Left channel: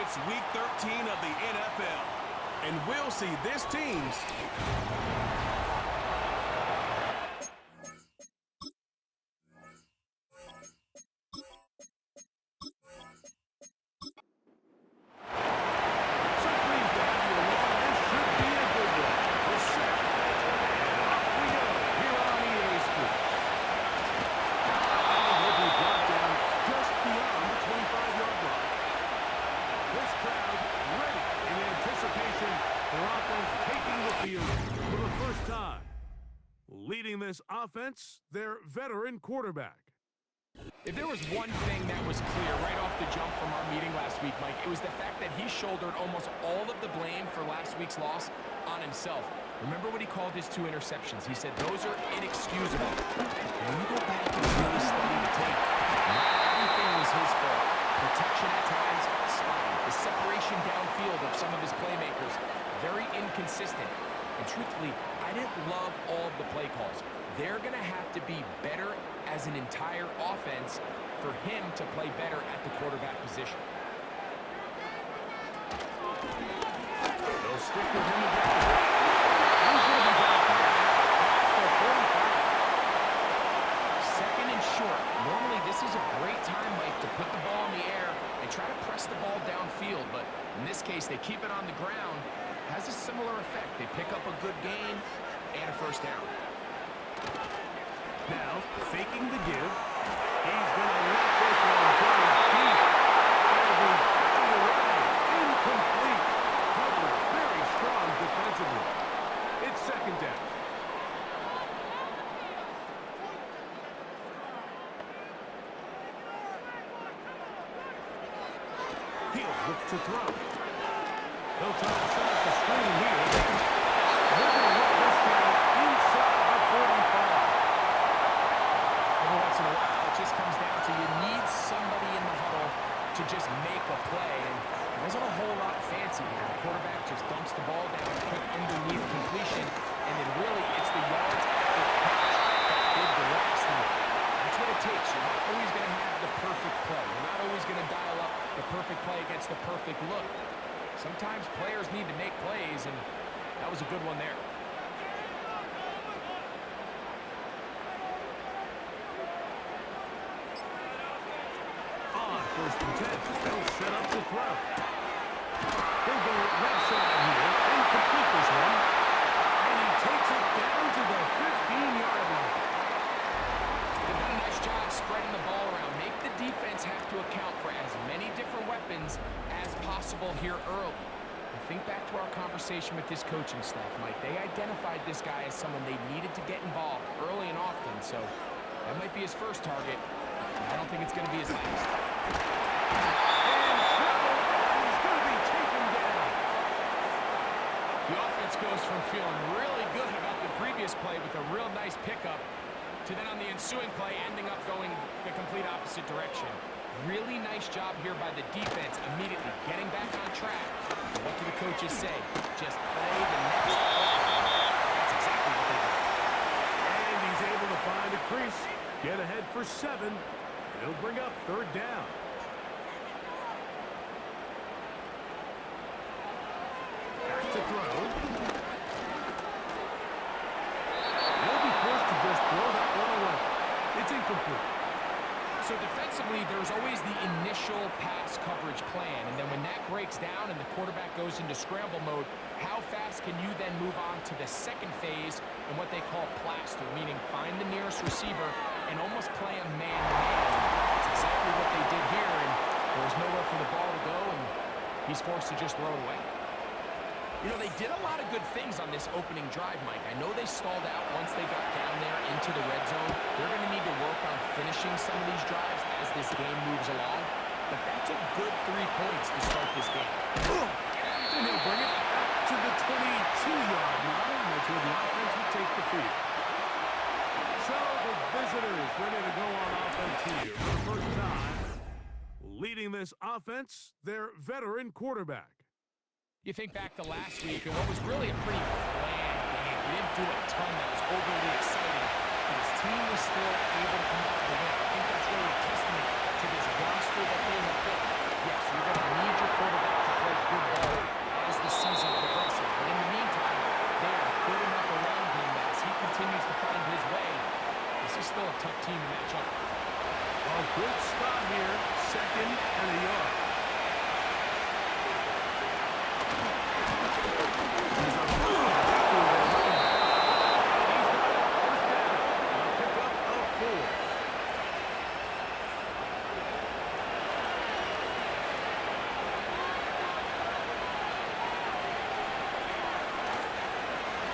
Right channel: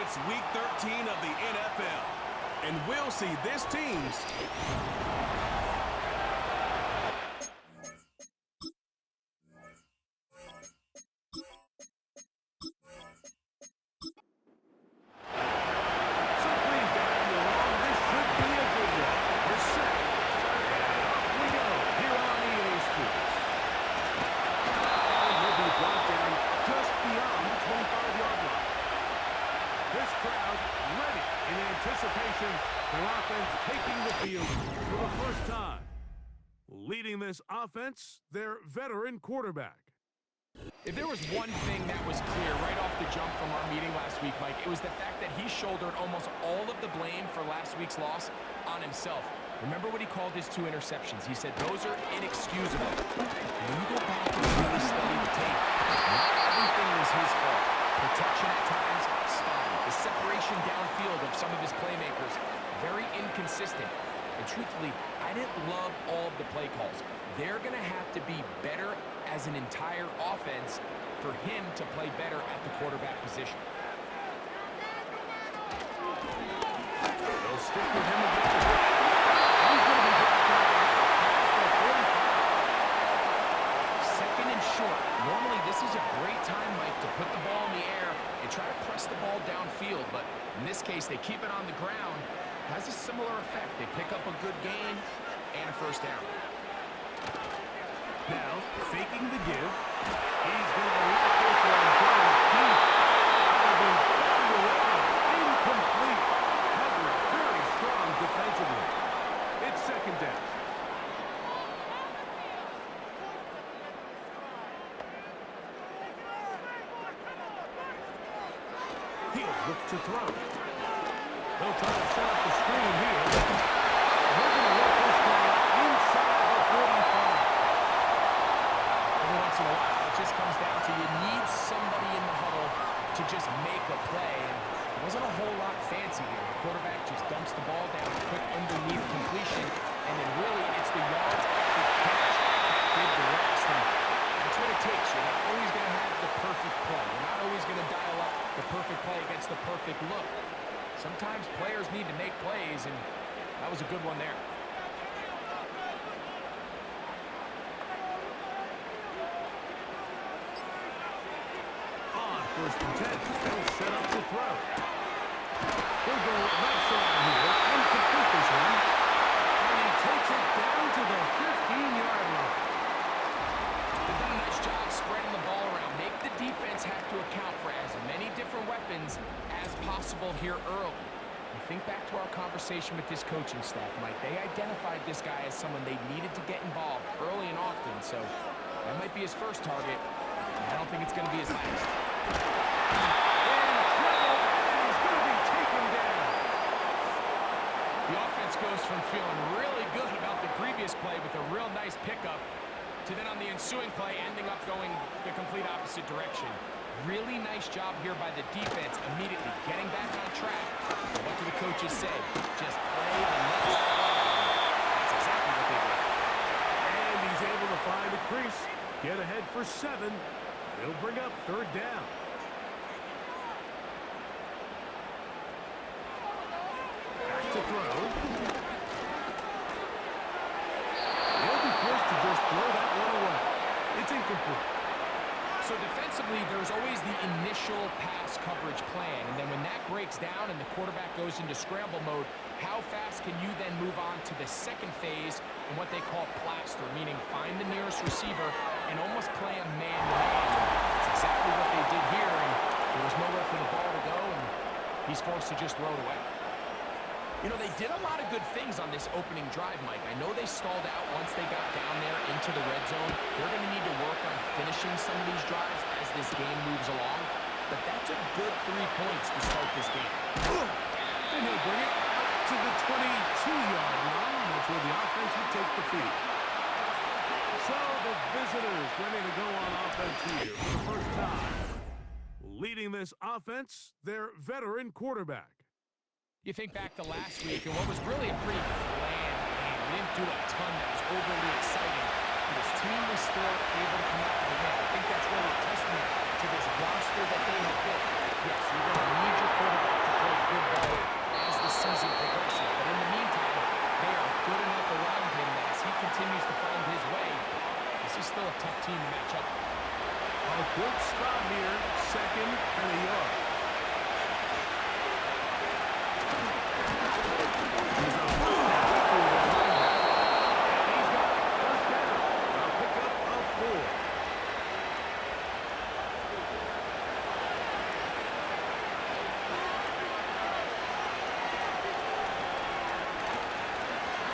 It's Week 13 of the NFL, and we'll see this team's their offense taking the field for the first time. Leading this offense, their veteran quarterback. If there was one thing that was clear right off the jump from our meeting last week, Mike, it was the fact that he shouldered almost all of the blame for last week's loss on himself. Remember what he called his 2 interceptions. He said those are inexcusable. When you go back and really study the tape, not everything was his fault. Protection at times, spotty. The separation downfield of some of his playmakers, very inconsistent. And truthfully, I didn't love all of the play calls. They're going to have to be better as an entire offense for him to play better at the quarterback position. They'll stick with him again. He's going to be back past the 45. Second and short. Normally, this is a great time, Mike, to put the ball in the air and try to press the ball downfield. But in this case, they keep it on the ground. Has a similar effect. They pick up a good gain and a first down. Now, faking the give. He's going to let this one go deep. That'll be batted away. Incomplete. Coverage very strong defensively. It's second down. He'll look to throw. They'll try to set up the screen here. They're going to let this down inside the 45. Every once in a while, it just comes down to you need somebody in the huddle to just make a play. And it wasn't a whole lot fancy here. The quarterback just dumps the ball down, quick underneath completion, and then really it's the yards after catch that did the rest. And that's what it takes. You're not always going to have the perfect play. You're not always going to dial up the perfect play against the perfect look. Sometimes players need to make plays, and that was a good one there. On first and 10, they'll set up the throw. He'll go left side here and complete this one. And he takes it down to the 15-yard line. They've done a nice job spreading the ball around. Make the defense have to account for as many different weapons as possible here early. And think back to our conversation with this coaching staff, Mike. They identified this guy as someone they needed to get involved early and often, so that might be his first target. I don't think it's going to be his last. In trouble, and he's going to be taken down. The offense goes from feeling really good about the previous play with a real nice pickup to then on the ensuing play ending up going the complete opposite direction. Really nice job here by the defense immediately getting back on track. And what do the coaches say? Just play the next play. That's exactly what they did. And he's able to find the crease, get ahead for 7. He'll bring up third down. Back to throw. He'll be forced to just throw that one away. It's incomplete. So defensively, there's always the initial pass coverage plan, and then when that breaks down and the quarterback goes into scramble mode, how fast can you then move on to the second phase in what they call plaster, meaning find the nearest receiver and almost play a man-to-man. That's exactly what they did here, and there was nowhere for the ball to go, and he's forced to just throw it away. You know, they did a lot of good things on this opening drive, Mike. I know they stalled out once they got down there into the red zone. They're going to need to work on finishing some of these drives as this game moves along. But that's a good 3 points to start this game. And he'll bring it out to the 22-yard line. That's where the offense will take the field. So the visitors ready to go on offense here for the first time. Leading this offense, their veteran quarterback. You think back to last week and what was really a pretty bland He didn't do a ton that was overly exciting, but his team was still able to come out with a win. I think that's really a testament to this roster that they have built. Yes, you're going to need your quarterback to play good ball as the season progresses, but in the meantime, they are good enough around him that as he continues to find his way, this is still a tough team to match up with. A good spot here, 2nd and a yard. He's a first down through their running back, and he's got it. First down. A pickup of 4.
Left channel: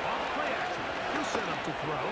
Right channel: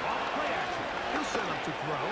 Off play action. He'll set up to throw.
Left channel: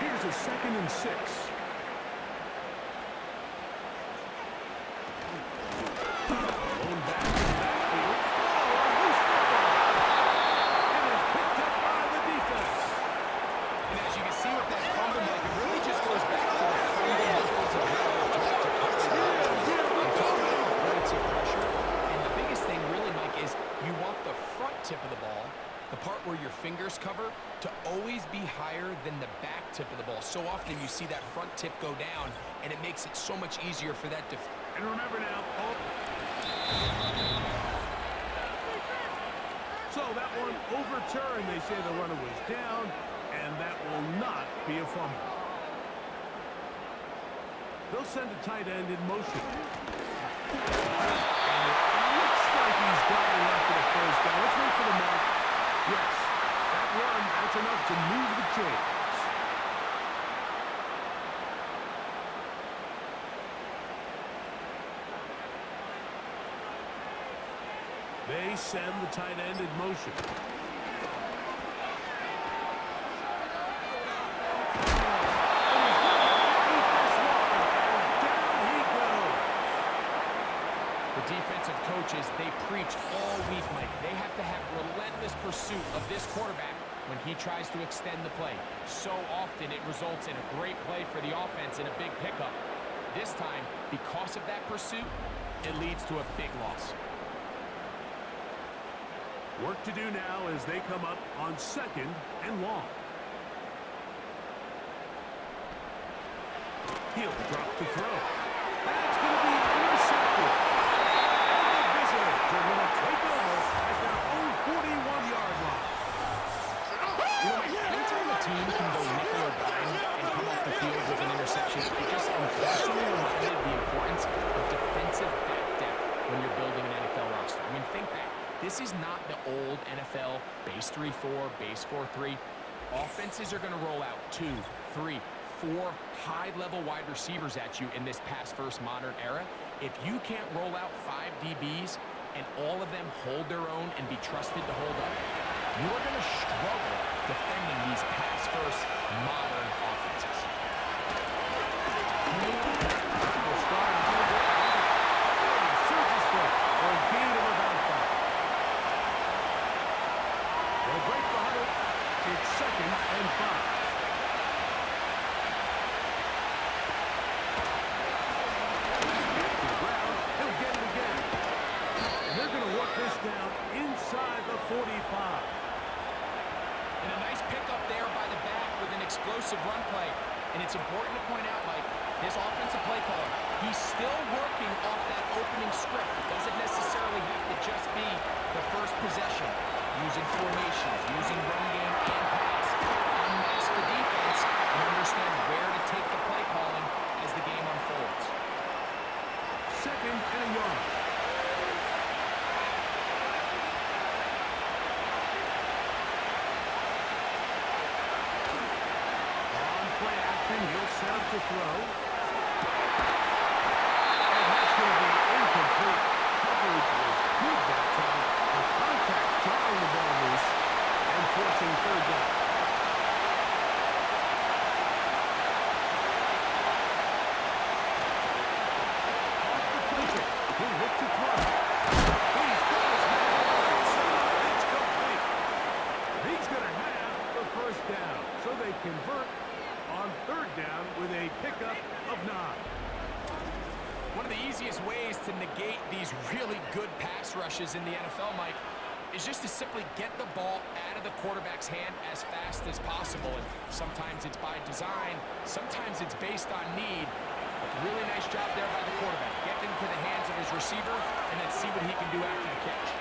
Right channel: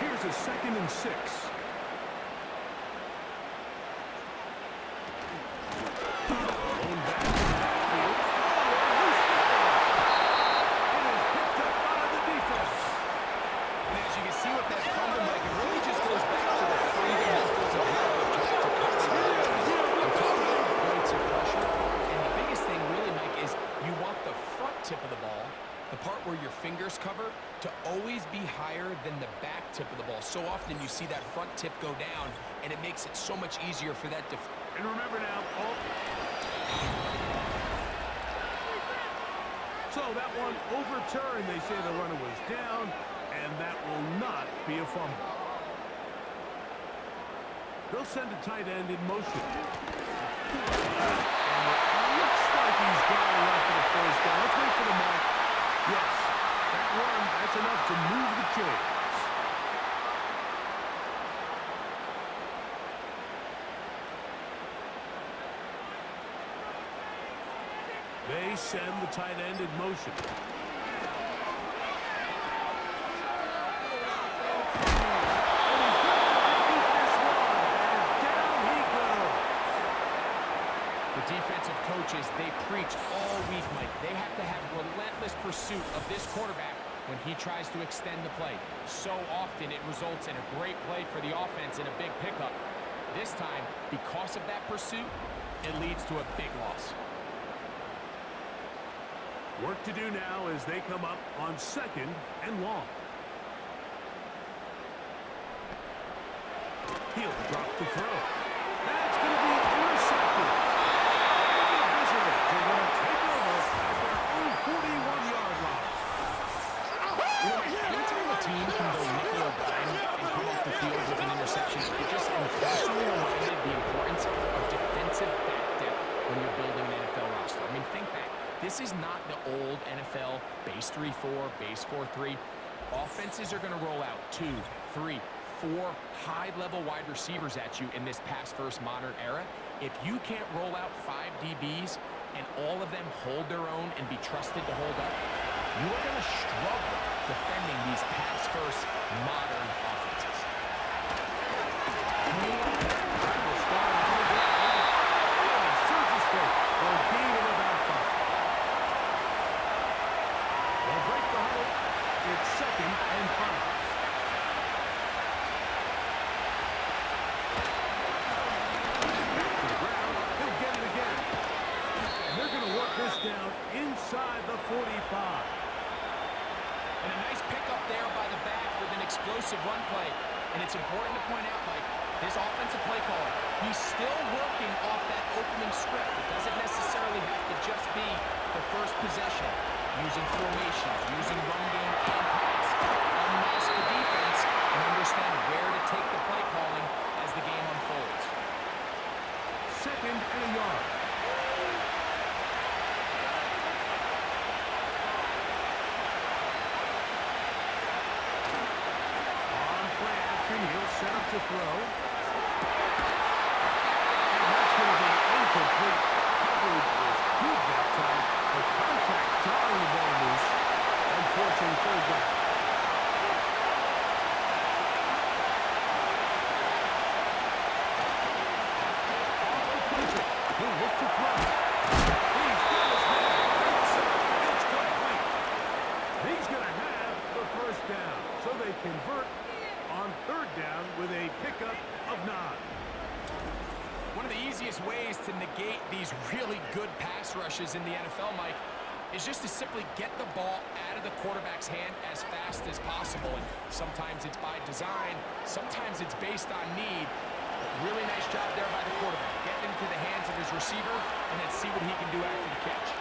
Here's a 2nd and 6. Thrown back to the backfield. Oh, a loose football. It is picked up by the defense. And as you can see with that fumble, Mike, it really just goes back to the fundamentals of how they're taught to cover the ball. We're talking about points of pressure, and the biggest thing really, Mike, is you want the front tip of the ball, the part where your fingers cover, to always be higher than the back tip of the ball. So often you see that front tip go down, and it makes it so much easier for that And remember now, so that one overturned. They say the runner was down, and that will not be a fumble. They'll send a tight end in motion. And it looks like he's got enough for the first down. Let's wait for the mark. Yes, that run, that's enough to move the chains. They send the tight end in motion. And he's going to have to eat this one, and down he goes. The defensive coaches, they preach all week, Mike. They have to have relentless pursuit of this quarterback when he tries to extend the play. So often it results in a great play for the offense and a big pickup. This time, because of that pursuit, it leads to a big loss. Work to do now as they come up on 2nd and long. He'll drop to throw. That's going to be intercepted. And the visitors are going to take over at their own 41-yard line. Anytime a team can go nickel or dime and come off the field with an interception, it just constantly reminded the importance of defensive back depth when you're building an NFL roster. I mean, think back. This is not the old NFL base 3-4, base 4-3. Offenses are going to roll out 2, 3, 4 high-level wide receivers at you in this pass-first modern era. If you can't roll out 5 DBs and all of them hold their own and be trusted to hold up, you are going to struggle defending these pass-first modern offenses. Will start a little bit. And he surges for a gain of about 5. They'll break the huddle. It's 2nd and 5. Back to the ground. He'll get it again. And they're going to work this down inside the 45. And a nice pickup there by the back with an explosive run play. And it's important to point out, Mike, this offensive play caller, he's still working off that opening script. It doesn't necessarily have to just be the first possession. Using formations, using run game and pass. Unmask the defense and understand where to take the play calling as the game unfolds. 2nd and a yard. set up to throw. And that's going to be incomplete. Coverage was good that time. The contact jarring the ball loose and forcing third down. Off the play fake. He'll look to throw. He's got his man outside. It's complete. He's going to have the first down. So they convert on third down with a pickup of 9. One of the easiest ways to negate these really good pass rushes in the NFL, Mike, is just to simply get the ball out of the quarterback's hand as fast as possible. And sometimes it's by design, sometimes it's based on need. But really nice job there by the quarterback. Get into the hands of his receiver and then see what he can do after the catch.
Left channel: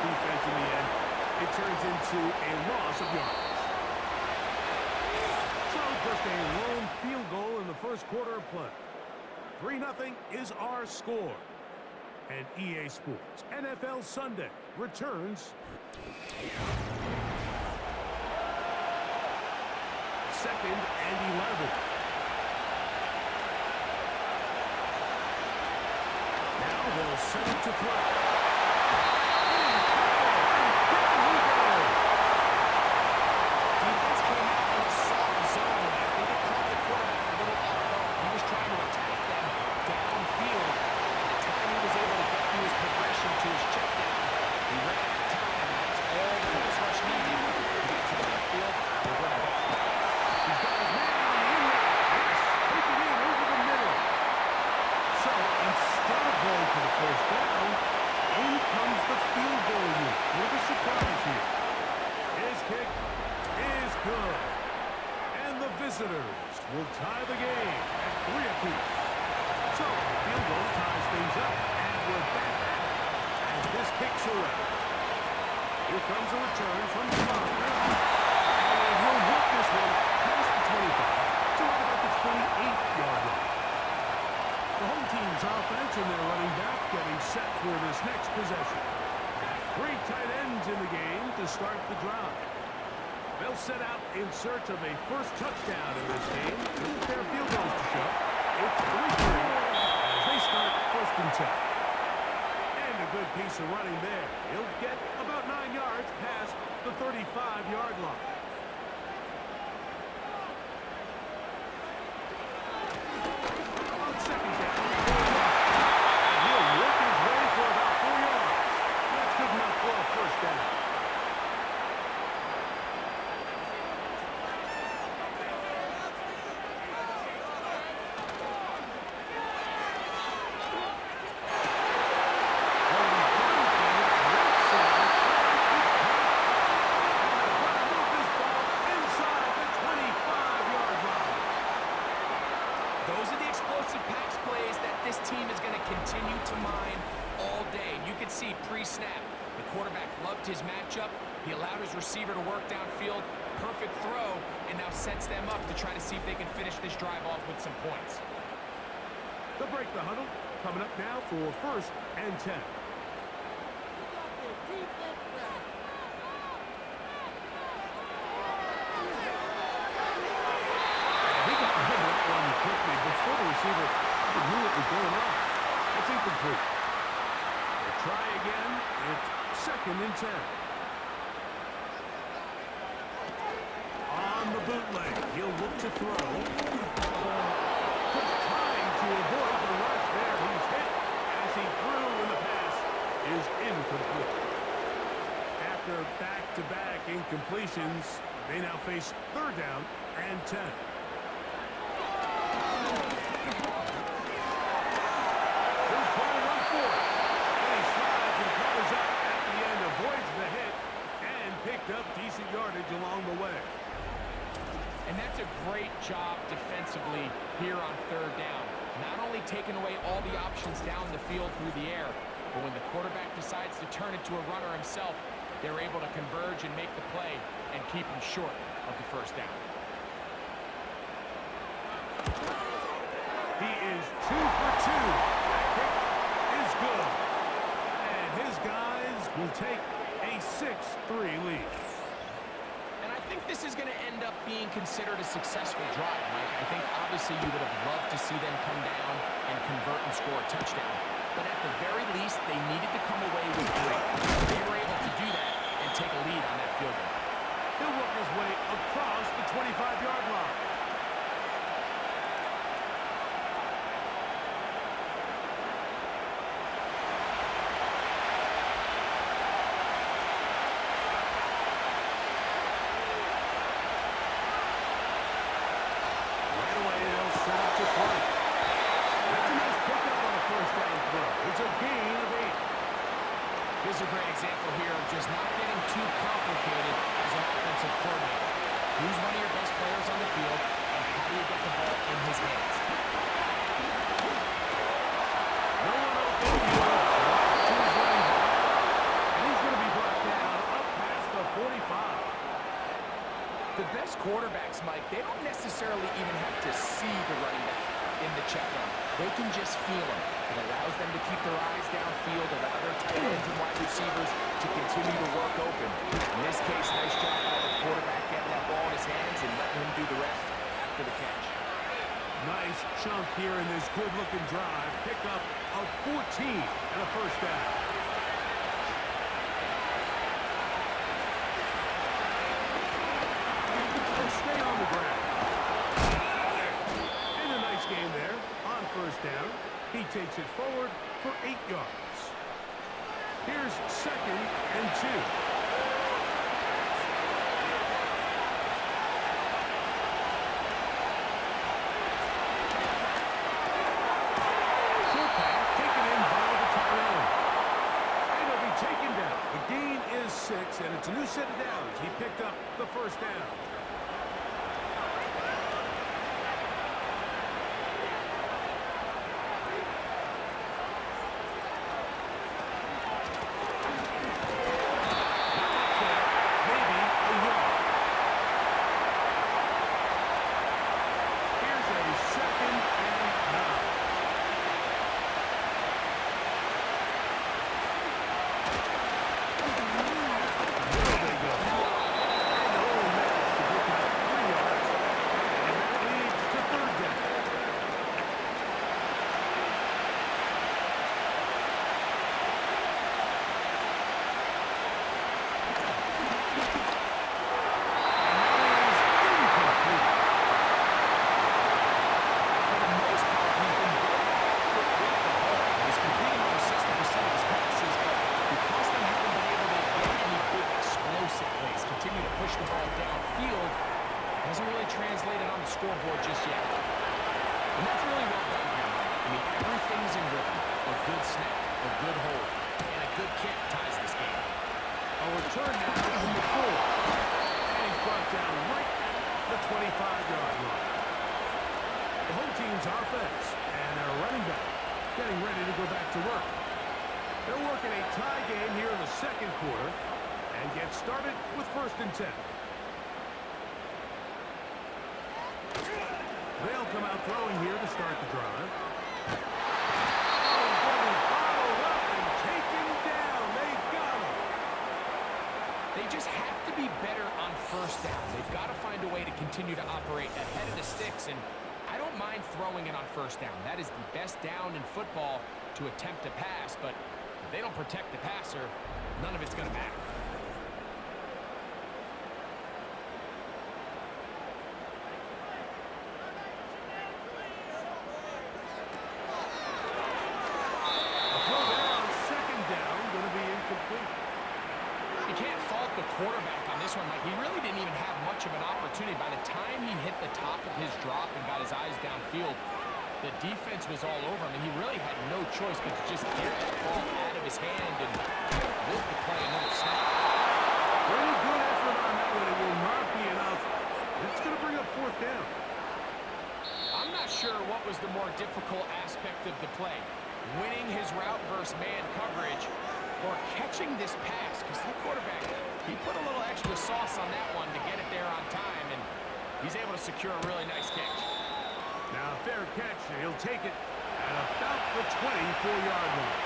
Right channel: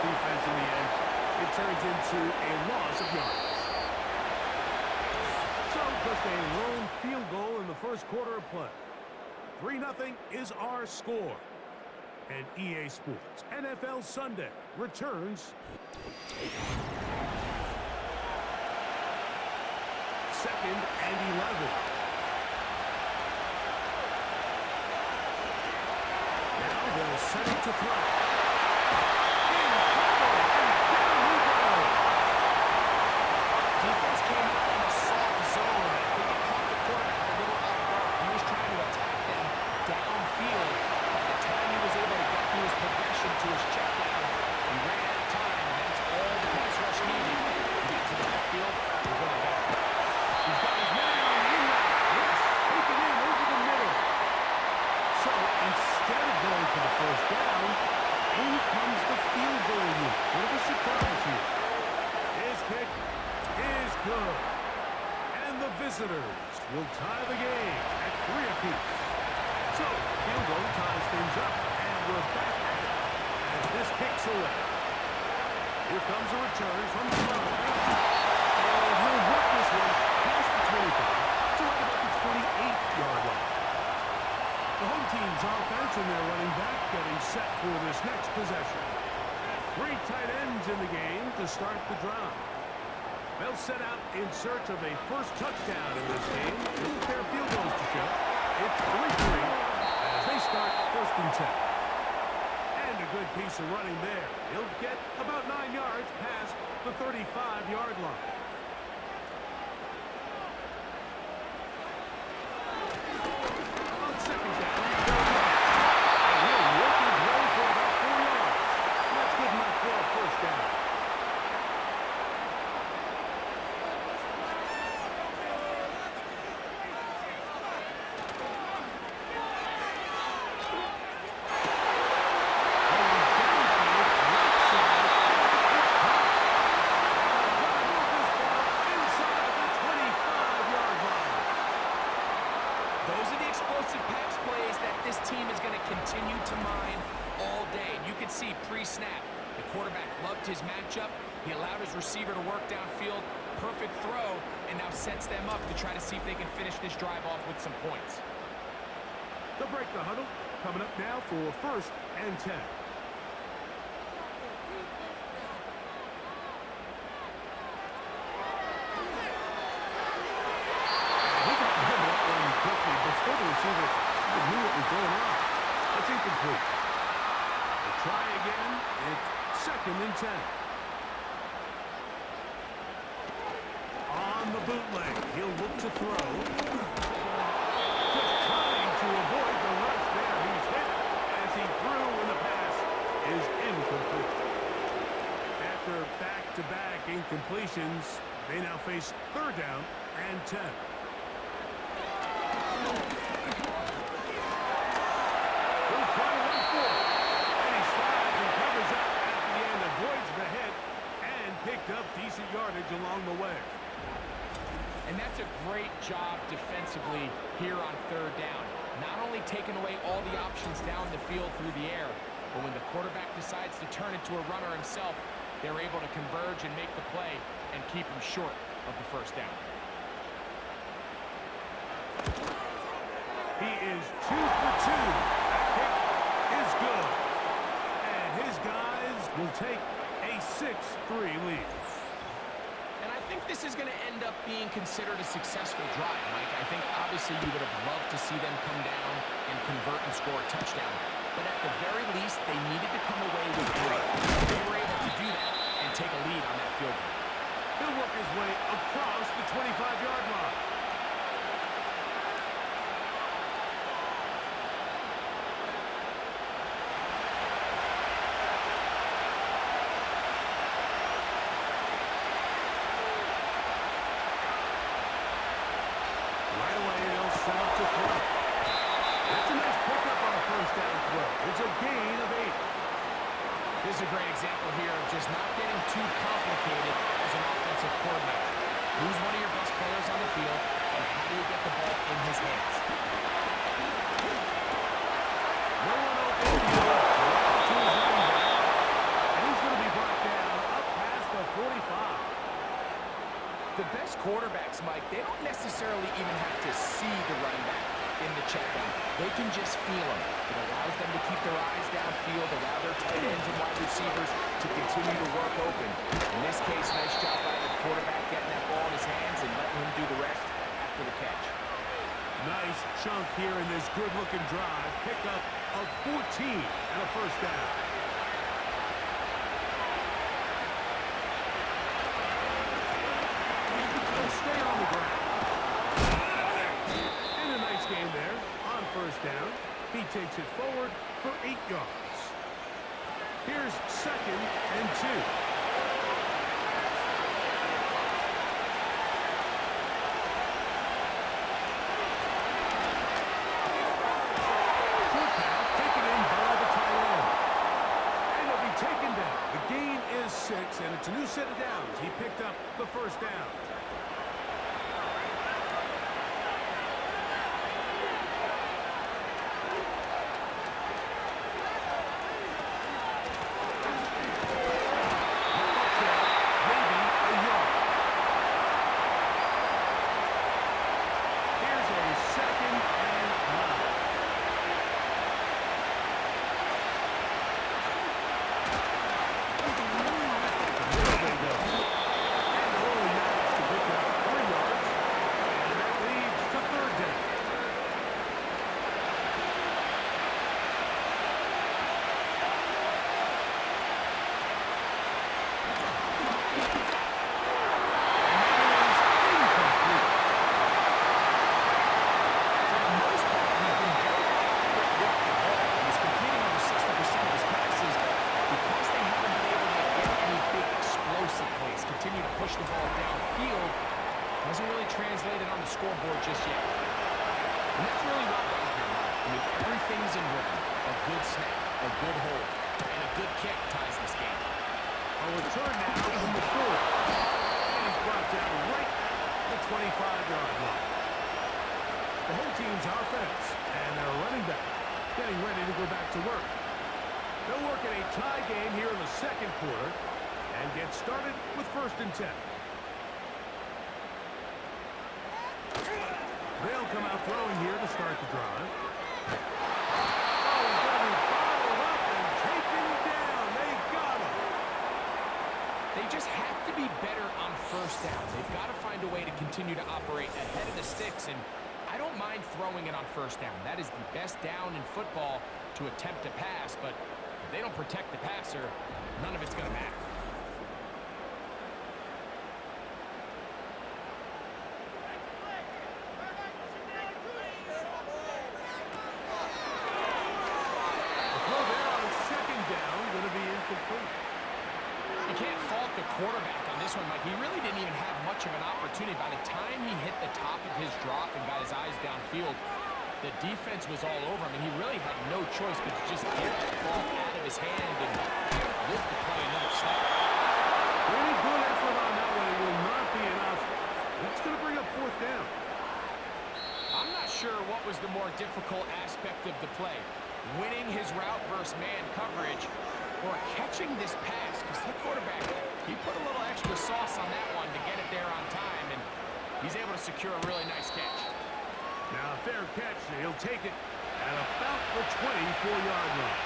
Defense in the end, it turns into a loss of yards. So just a lone field goal in the first quarter of play. 3-0 is our score. And EA Sports NFL Sunday returns. 2nd and 11. Now they'll set it to throw. Defense came out in a soft zone. I think it caught the quarterback a little off guard. He was trying to attack them downfield. By the time he was able to get through his progression to his check down, he ran out of time, and that's all the pass rush needed to get to the backfield and bring it back. He's got his man on the in route. Yes, take it in over the middle. So instead of going for the first down, in comes the field goal unit. What a surprise here. His kick is good. And the visitors will tie the game at 3 apiece. So, field goal ties things up, and we're back at it as this kicks away. Here comes a return from the 5. And he'll work this one past the 25 to right about the 28-yard line. The home team's offense and their running back getting set for this next possession. 3 tight ends in the game to start the drive. They'll set out in search of a first touchdown in this game. Look at their field goals to show. It's 3-3 as they start 1st and 10. And a good piece of running there. He'll get about 9 yards past the 35-yard line. On 2nd down, and he'll work his way for about 4 yards. That's good enough for a first down. Those are the explosive pass plays that this team is going to continue to mine all day. You can see pre-snap, the quarterback loved his matchup. He allowed his receiver to work downfield. Perfect throw, and now sets them up to try to see if they can finish this drive off with some points. They'll break the huddle. Coming up now for 1st and 10. Quickly before the receiver even knew what was going on. That's incomplete. They try again. It's 2nd and 10. On the bootleg, he'll look to throw. Just trying to avoid the rush there. He's hit as he threw, and the pass is incomplete. After back-to-back incompletions, they now face 3rd down and 10. Avoids the hit and picked up decent yardage along the way. And that's a great job defensively here on 3rd down. Not only taking away all the options down the field through the air, but when the quarterback decides to turn it to a runner himself, they're able to converge and make the play and keep him short of the first down. He is 2 for 2. That kick is good. And his guys will take a 6-3 lead. And I think this is going to end up being considered a successful drive, Mike. I think obviously you would have loved to see them come down and convert and score a touchdown. But at the very least, they needed to come away with 3. They were able to do that and take a lead on that field goal. He'll work his way across the 25-yard line. Right away, they'll set up to throw. That's a nice pickup on a first down throw. It's a gain of 8. This is a great example here of just not getting too complicated as an offensive coordinator. Who's one of your best players on the field, and how do you get the ball in his hands? No one open. He'll drop it to his running back. And he's going to be brought down up past the 45. The best quarterbacks, Mike, they don't necessarily even have to see the running back in the check down. They can just feel him. It allows them to keep their eyes downfield, allow their tight ends and wide receivers to continue to work open. In this case, nice job by the quarterback getting that ball in his hands and letting him do the rest after the catch. Nice chunk here in this good-looking drive. Pickup of 14 and a first down. They'll stay on the ground. And a nice game there on first down. He takes it forward for 8 yards. Here's 2nd and 2. Short pass taken in by the tight end. And he'll be taken down. The gain is 6, and it's a new set of downs. He picked up the first down. Continue to push the ball downfield. Hasn't really translated on the scoreboard just yet. And that's really well done here, Mike. I mean, everything's in rhythm. A good snap, a good hold, and a good kick ties this game. A return now from the 4. And he's brought down right at the 25-yard line. The home team's offense and their running back getting ready to go back to work. They'll work in a tie game here in the second quarter and get started with 1st and 10. They'll come out throwing here to start the drive. Oh, he's going to be bottled up and taken down. They got him. They just have to be better on first down. They've got to find a way to continue to operate ahead of the sticks, and I don't mind throwing it on first down. That is the best down in football to attempt to pass, but if they don't protect the passer, none of it's going to matter. You can't fault the quarterback on this one, Mike. He really didn't even have much of an opportunity. By the time he hit the top of his drop and got his eyes downfield, the defense was all over him, and he really had no choice but to just get that ball out of his hand and live to play another snap. Pretty good effort on that one. It will not be enough. It's going to bring up 4th down. I'm not sure what was the more difficult aspect of the play, winning his route versus man coverage or catching this pass, because that quarterback, he put a little extra sauce on that one to get it there on time, and he's able to secure a really nice catch. Now, fair catch. He'll take it at about the 24-yard line.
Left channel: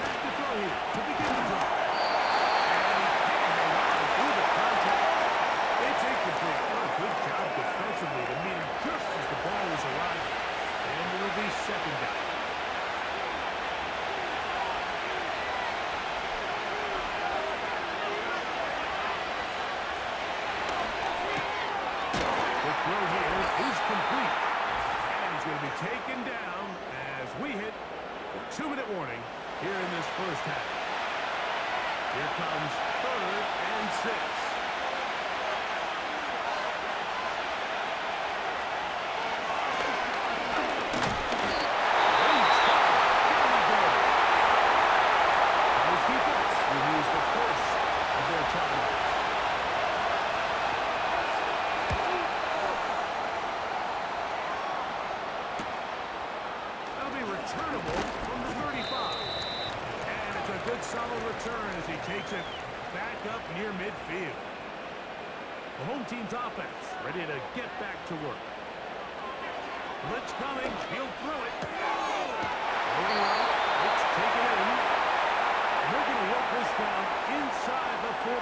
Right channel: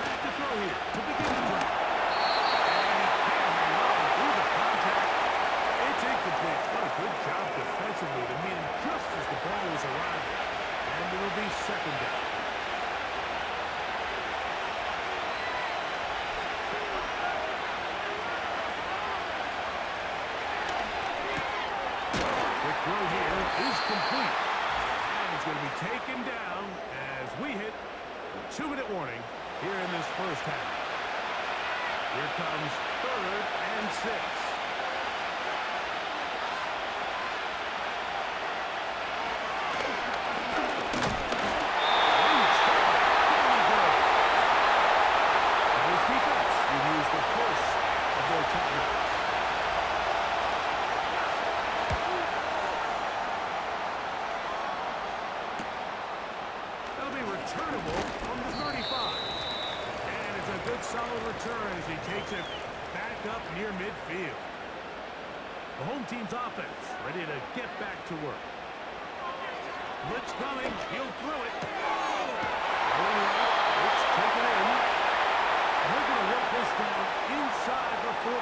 Back to throw here to begin the drive. And he can't hang on through the contact. It's incomplete. What a good job defensively to meet him just as the ball was arriving. And it'll be second down. Quick throw here is complete. And he's going to be taken down as we hit the 2-minute warning here in this first half. Here comes 3rd and 6. Defense will use the first of their timeouts. That'll be returnable from the 35. And it's a good solid return as he takes it back up near midfield. The home team's offense ready to get back to work. Blitz coming. He'll throw it. Going right. It's taken in. And they're going to work this down inside the 45.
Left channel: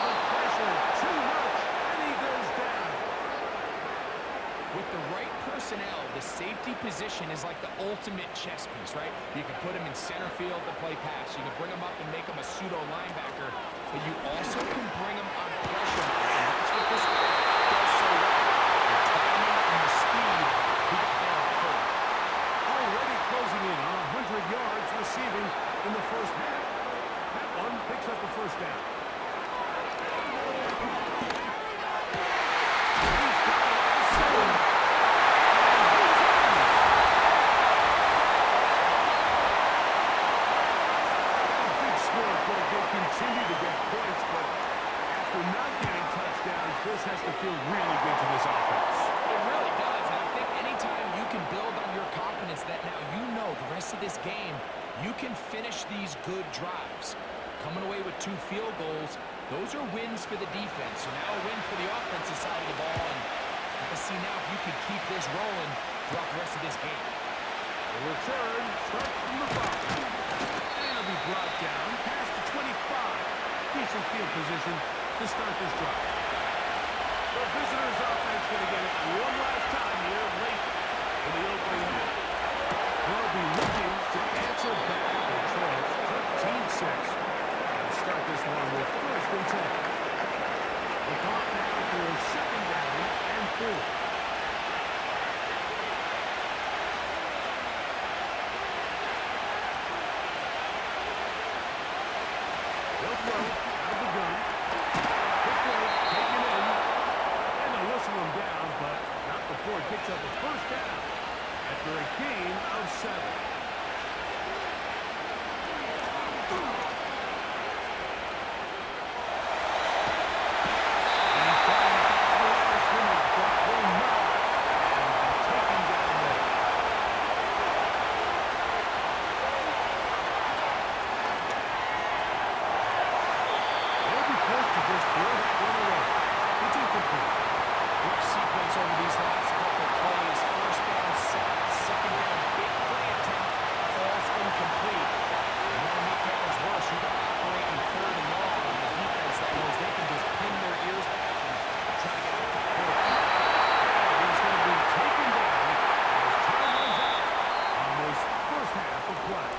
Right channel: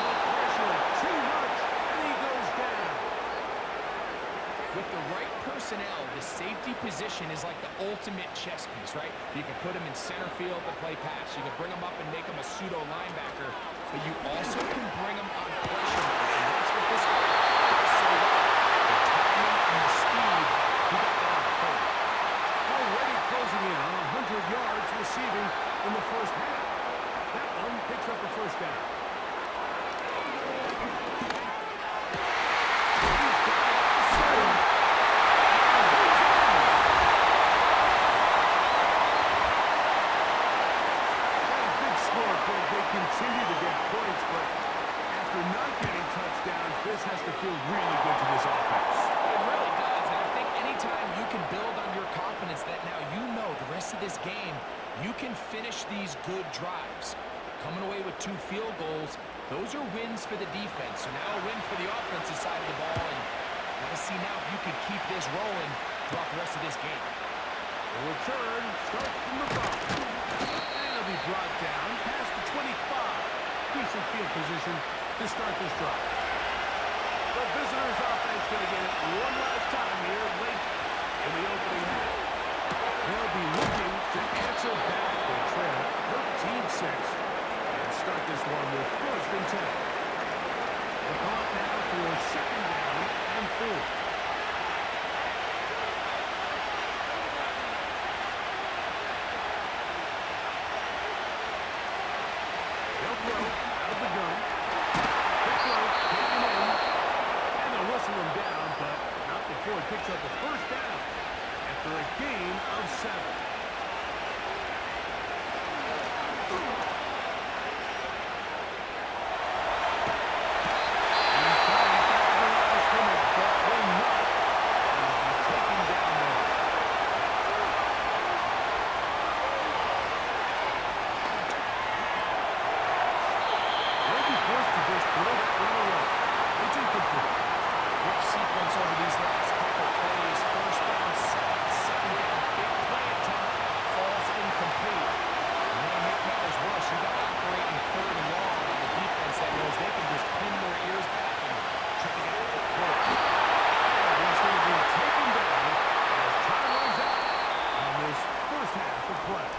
The pressure, too much, and he goes down. With the right personnel, the safety position is like the ultimate chess piece, right? You can put him in center field to play pass. You can bring him up and make him a pseudo linebacker, but you also can bring him on pressure mode, and that's what this guy does so well. The timing and the speed, he got there on the hurry. Already closing in on 100 yards receiving in the first half. That one picks up a first down. He's got it at the 7. And he's in. Got a big score, but they continue to get points, but after not getting touchdowns, this has to feel really good to this offense. It really does, and I think anytime you can build on your confidence that now you know the rest of this game, you can finish these good drives. Coming away with 2 field goals, those are wins for the defense. So now a win for the offensive side of the ball, and got to see now if you can keep this rolling throughout the rest of this game. The return starts from the 5. And it'll be brought down past the 25. Decent field position to start this drive. The visitors' offense going to get it one last time here late in the opening half. They'll be looking to answer back. They trail 13-6 and start this one with 1st and 10. We'll call it now for 2nd down and 4. They'll throw out of the gun. Quick throw, taken in. And they'll whistle him down, but not before he picks up a first down after a gain of 7. He's trying to get to the line of scrimmage, but will not. And will be taken down there. They'll be forced to just throw that one away. It's incomplete. Rough sequence over these last couple plays. 1st down, sack. 2nd down, big play attempt. Falls incomplete. And then to make matters worse, you got to operate in 3rd and long on the defense that knows they can just pin their ears back and try to get after the quarterback. And he's going to be taken down as time runs out on this first half of play.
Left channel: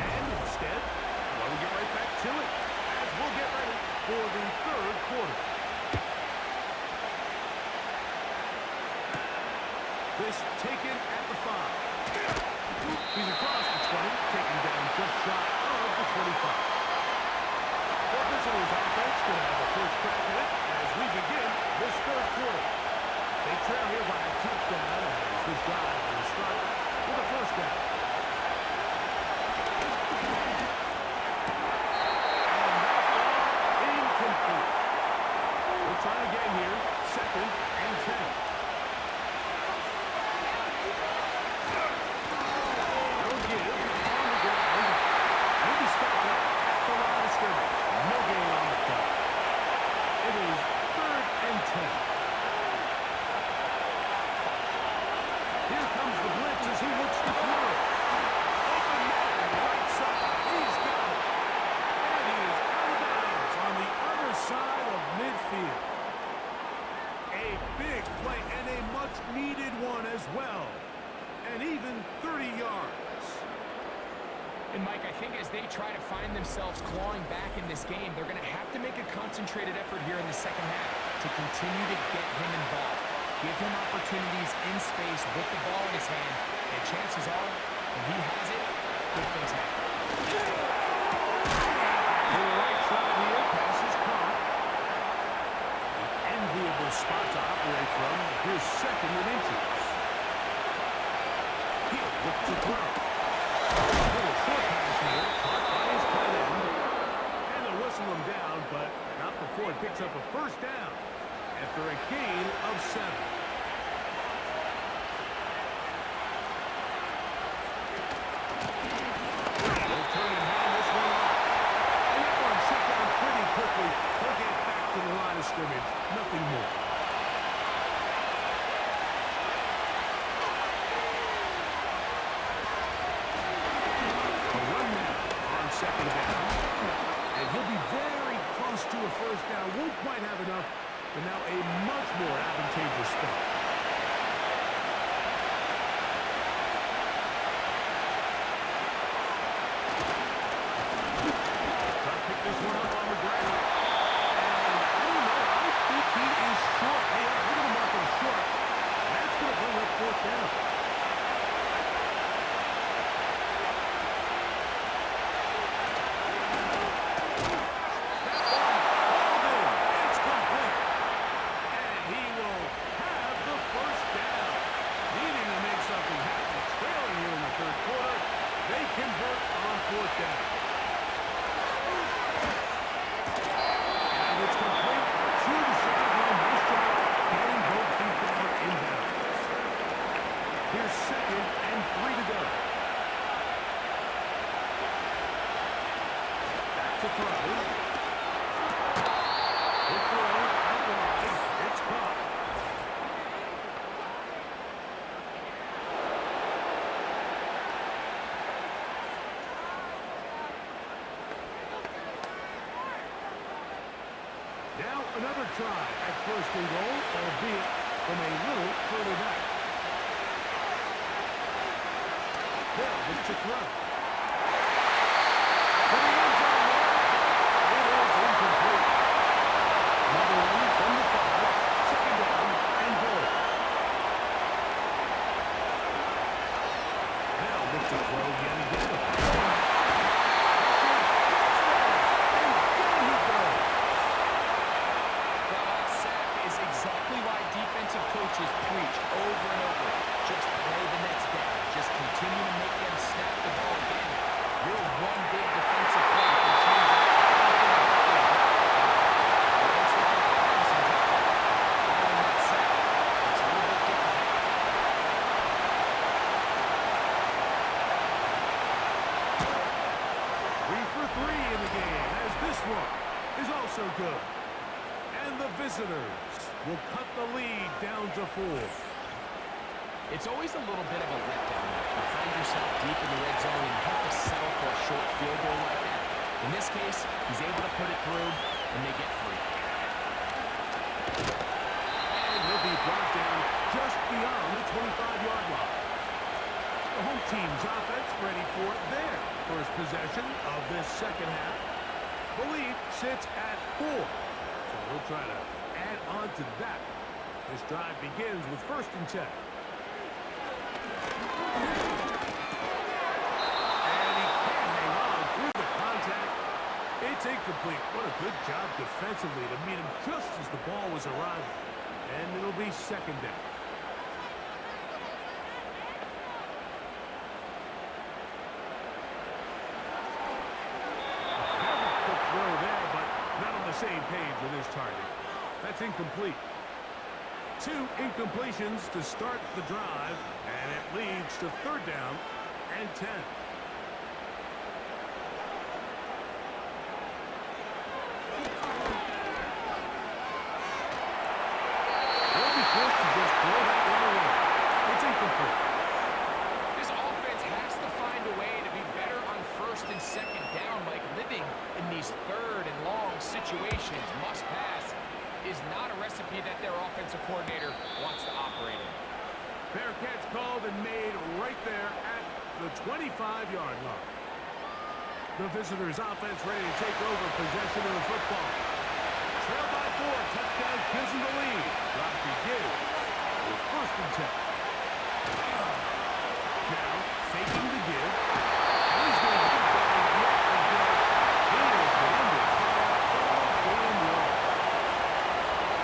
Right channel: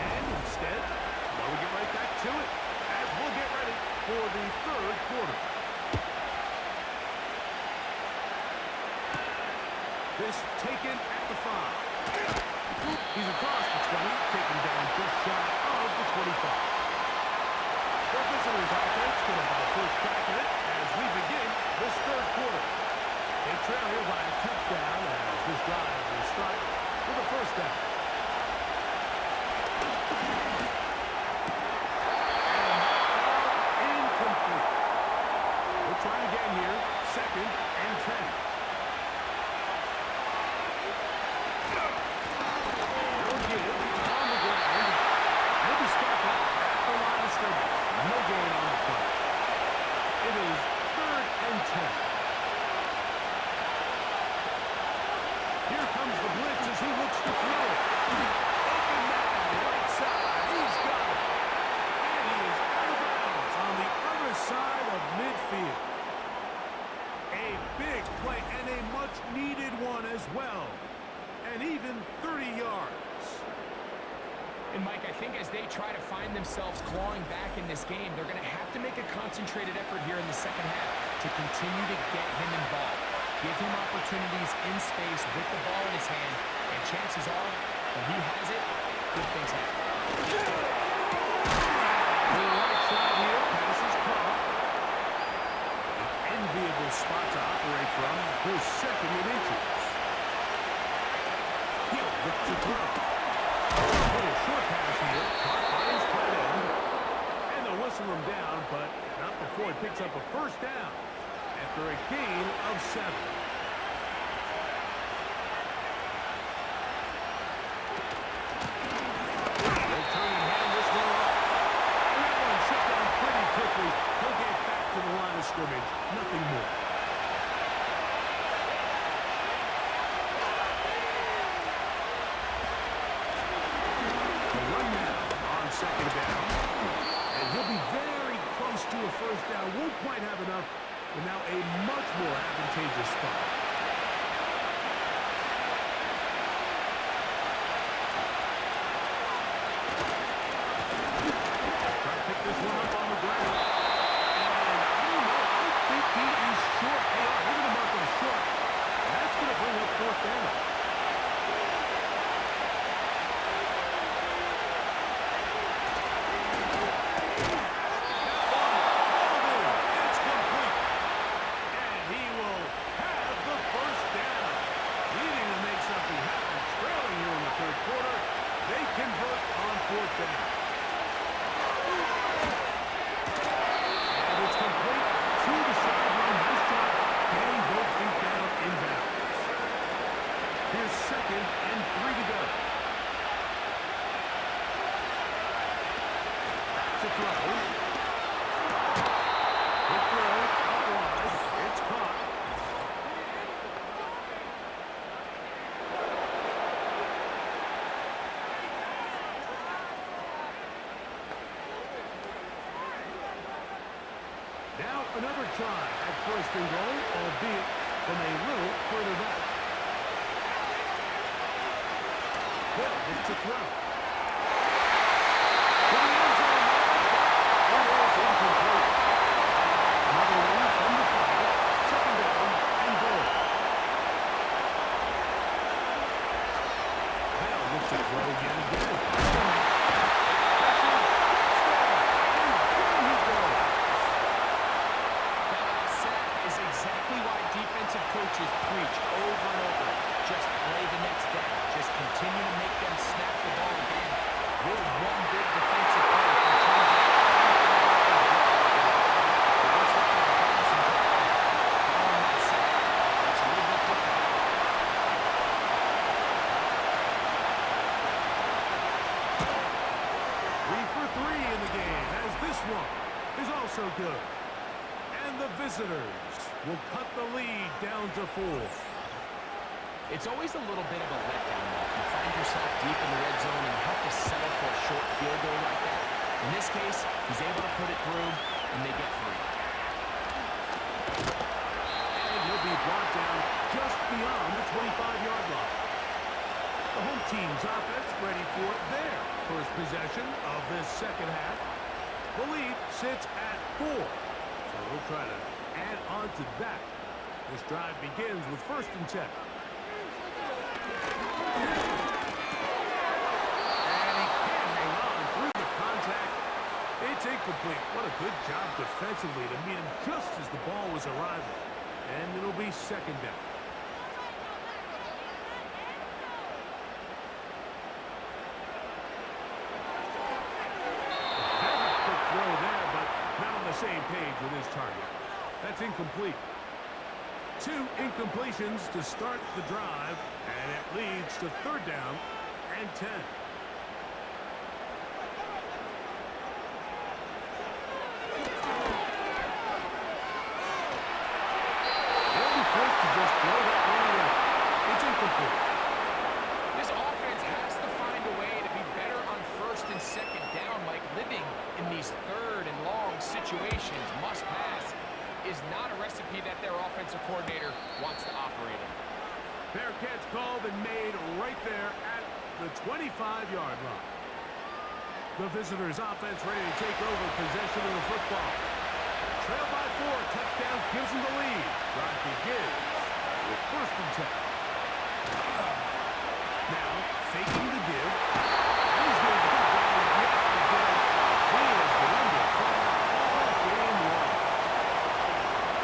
And instead, why don't we get right back to it as we'll get ready for the 3rd quarter. This taken at the 5. He's across the 20, taken down just shy of the 25. The visitors' offense going to have a first crack at it as we begin this 3rd quarter. They trail here by a touchdown as this drive will start with a first down. And that ball incomplete. We'll try again here, 2nd and 10. They'll give on the ground. He'll be stopped up at the much-needed one as well. And even 30 yards. And, Mike, I think as they try to find themselves clawing back in this game, they're going to have to make a concentrated effort here in the second half to continue to get him involved. Give him opportunities in space with the ball in his hand, and chances are, when he has it, good things happen. To the right side here, pass is caught. An enviable spot to operate from. Here's second and inches. He'll look to throw. A little short pass here, caught by his tight end. And they'll whistle him down, but not before he picks up a first down after a gain of 7. They'll turn and hand this one off. And that one shut down pretty quickly. He'll get back to the line of scrimmage. Nothing more. Second down, and he'll be very close to a first down. Won't quite have enough, but now a much more advantageous spot. Try to pick this one up on the ground, and I don't know, I think he is short. They are, they're going to mark him short, and that's going to bring up fourth down. Second and 3 to go. Back to throw. Good throw out wide. It's caught. Now another try at first and goal, albeit from a little further back. Hill looks to throw. To the end zone, but it is incomplete. Another one from the 5. Second down and goal. Hill looks to throw yet again. Pressure gets there, and down he goes. That last sack is exactly why defensive coaches preach over and over. Just play the next down. Just continue to make them snap the ball again. You're one big defensive play from changing everything about their drive. But once they get the pass and drive, following that sack, it's a little bit different. 3 for 3 in the game, as this one is also good. And the visitors will cut the lead down to 4. It's always a little bit of a letdown, Mike. You find yourself deep in the red zone and you have to settle for a short field goal like that. In this case, he's able to put it through, and they get 3. And he'll be brought down just beyond the 25-yard line. The home team's offense ready for their first possession of this second half. The lead sits at 4, so they'll try to add on to that. This drive begins with 1st and 10. And he can't hang on through the contact. It's incomplete. What a good job defensively to meet him just as the ball was arriving. And it'll be second down. A very quick throw there, but not on the same page with his target. That's incomplete. 2 incompletions to start the drive, and it leads to 3rd down and 10. They'll be forced to just throw that one away. It's incomplete. This offense has to find a way to be better on 1st and 2nd down, like living in these 3rd and long situations. Must pass. is not a recipe that their offensive coordinator wants to operate in. Fair catch called and made right there at the 25-yard line. The visitors' offense ready to take over possession of the football. Trail by 4, touchdown gives them the lead. Drive begins with 1st and 10. Now, faking the give. And he's going to put down yet again. He has been under fire all game long.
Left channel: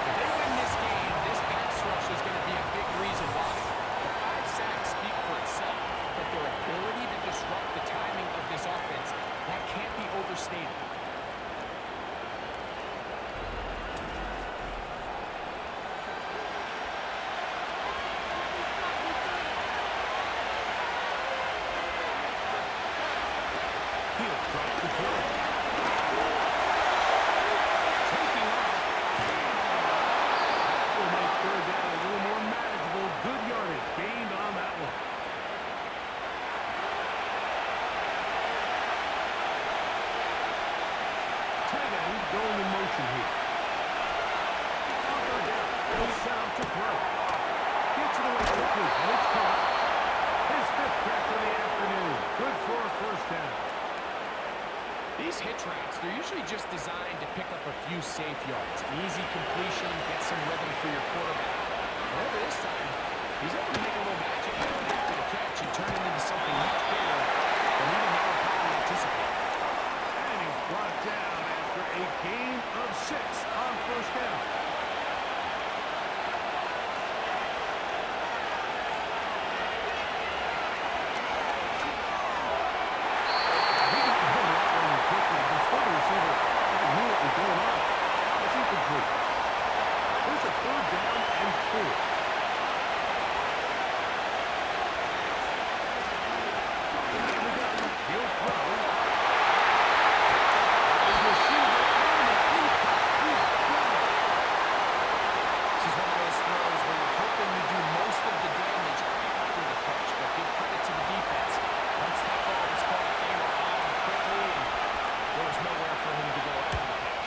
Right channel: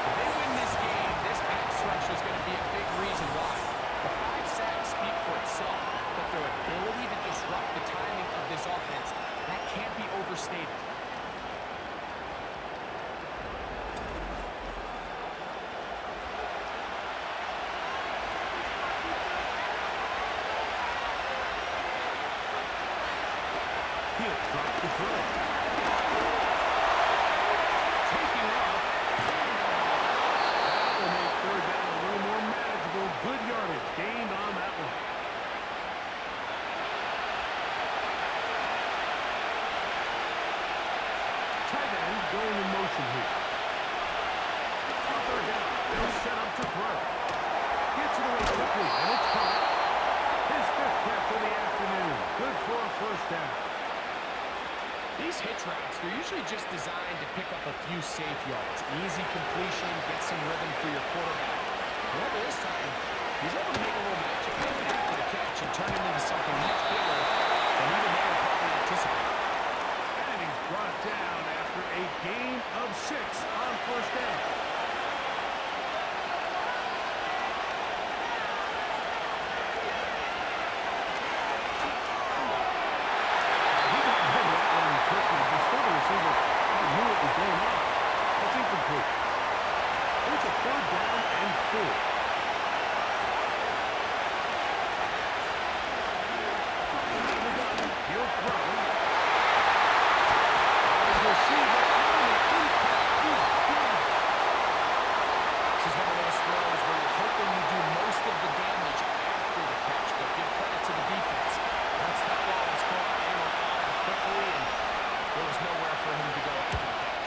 If they win this game, this pass rush is going to be a big reason why. The 5 sacks speak for itself, but their ability to disrupt the timing of this offense, that can't be overstated. He'll drop the throw. Taking off. That will make 3rd down a little more manageable. Good yardage gained on that one. Tight end going in motion here. On 3rd down. He'll set up to throw. Gets it away quickly, and it's caught. His 5th catch of the afternoon. Good for a 1st down. These hitch routes, they're usually just designed to pick up a few safe yards. An easy completion, get some rhythm for your quarterback. However, this time, he's able to make a little magic happen after the catch and turn it into something much bigger than even they were probably anticipating. And he's brought down after a gain of 6 on 1st down. Receiver even knew what was going on. That's incomplete. Here's a 3rd down and 4. He'll throw. His receiver on the impact. He's got it. This is one of those throws where you're hoping you do most of the damage after the catch, but give credit to the defense. Once that ball was caught, they were on him quickly, and there was nowhere for him to go after the catch.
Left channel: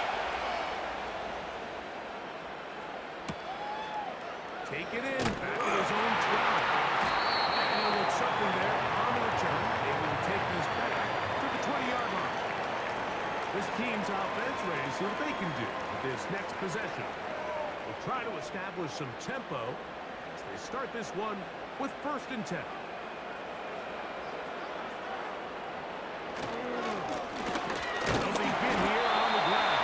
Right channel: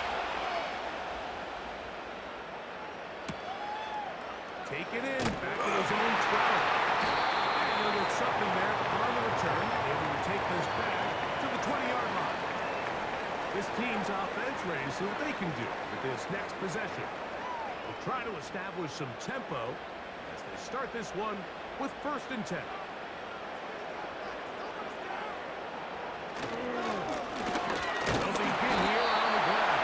Take it in, back at his own 12. And he'll get something there on the return, able to take this back to the 20-yard line. This team's offense ready to see what they can do with this next possession. They'll try to establish some tempo as they start this one with 1st and 10. They'll begin here on the ground.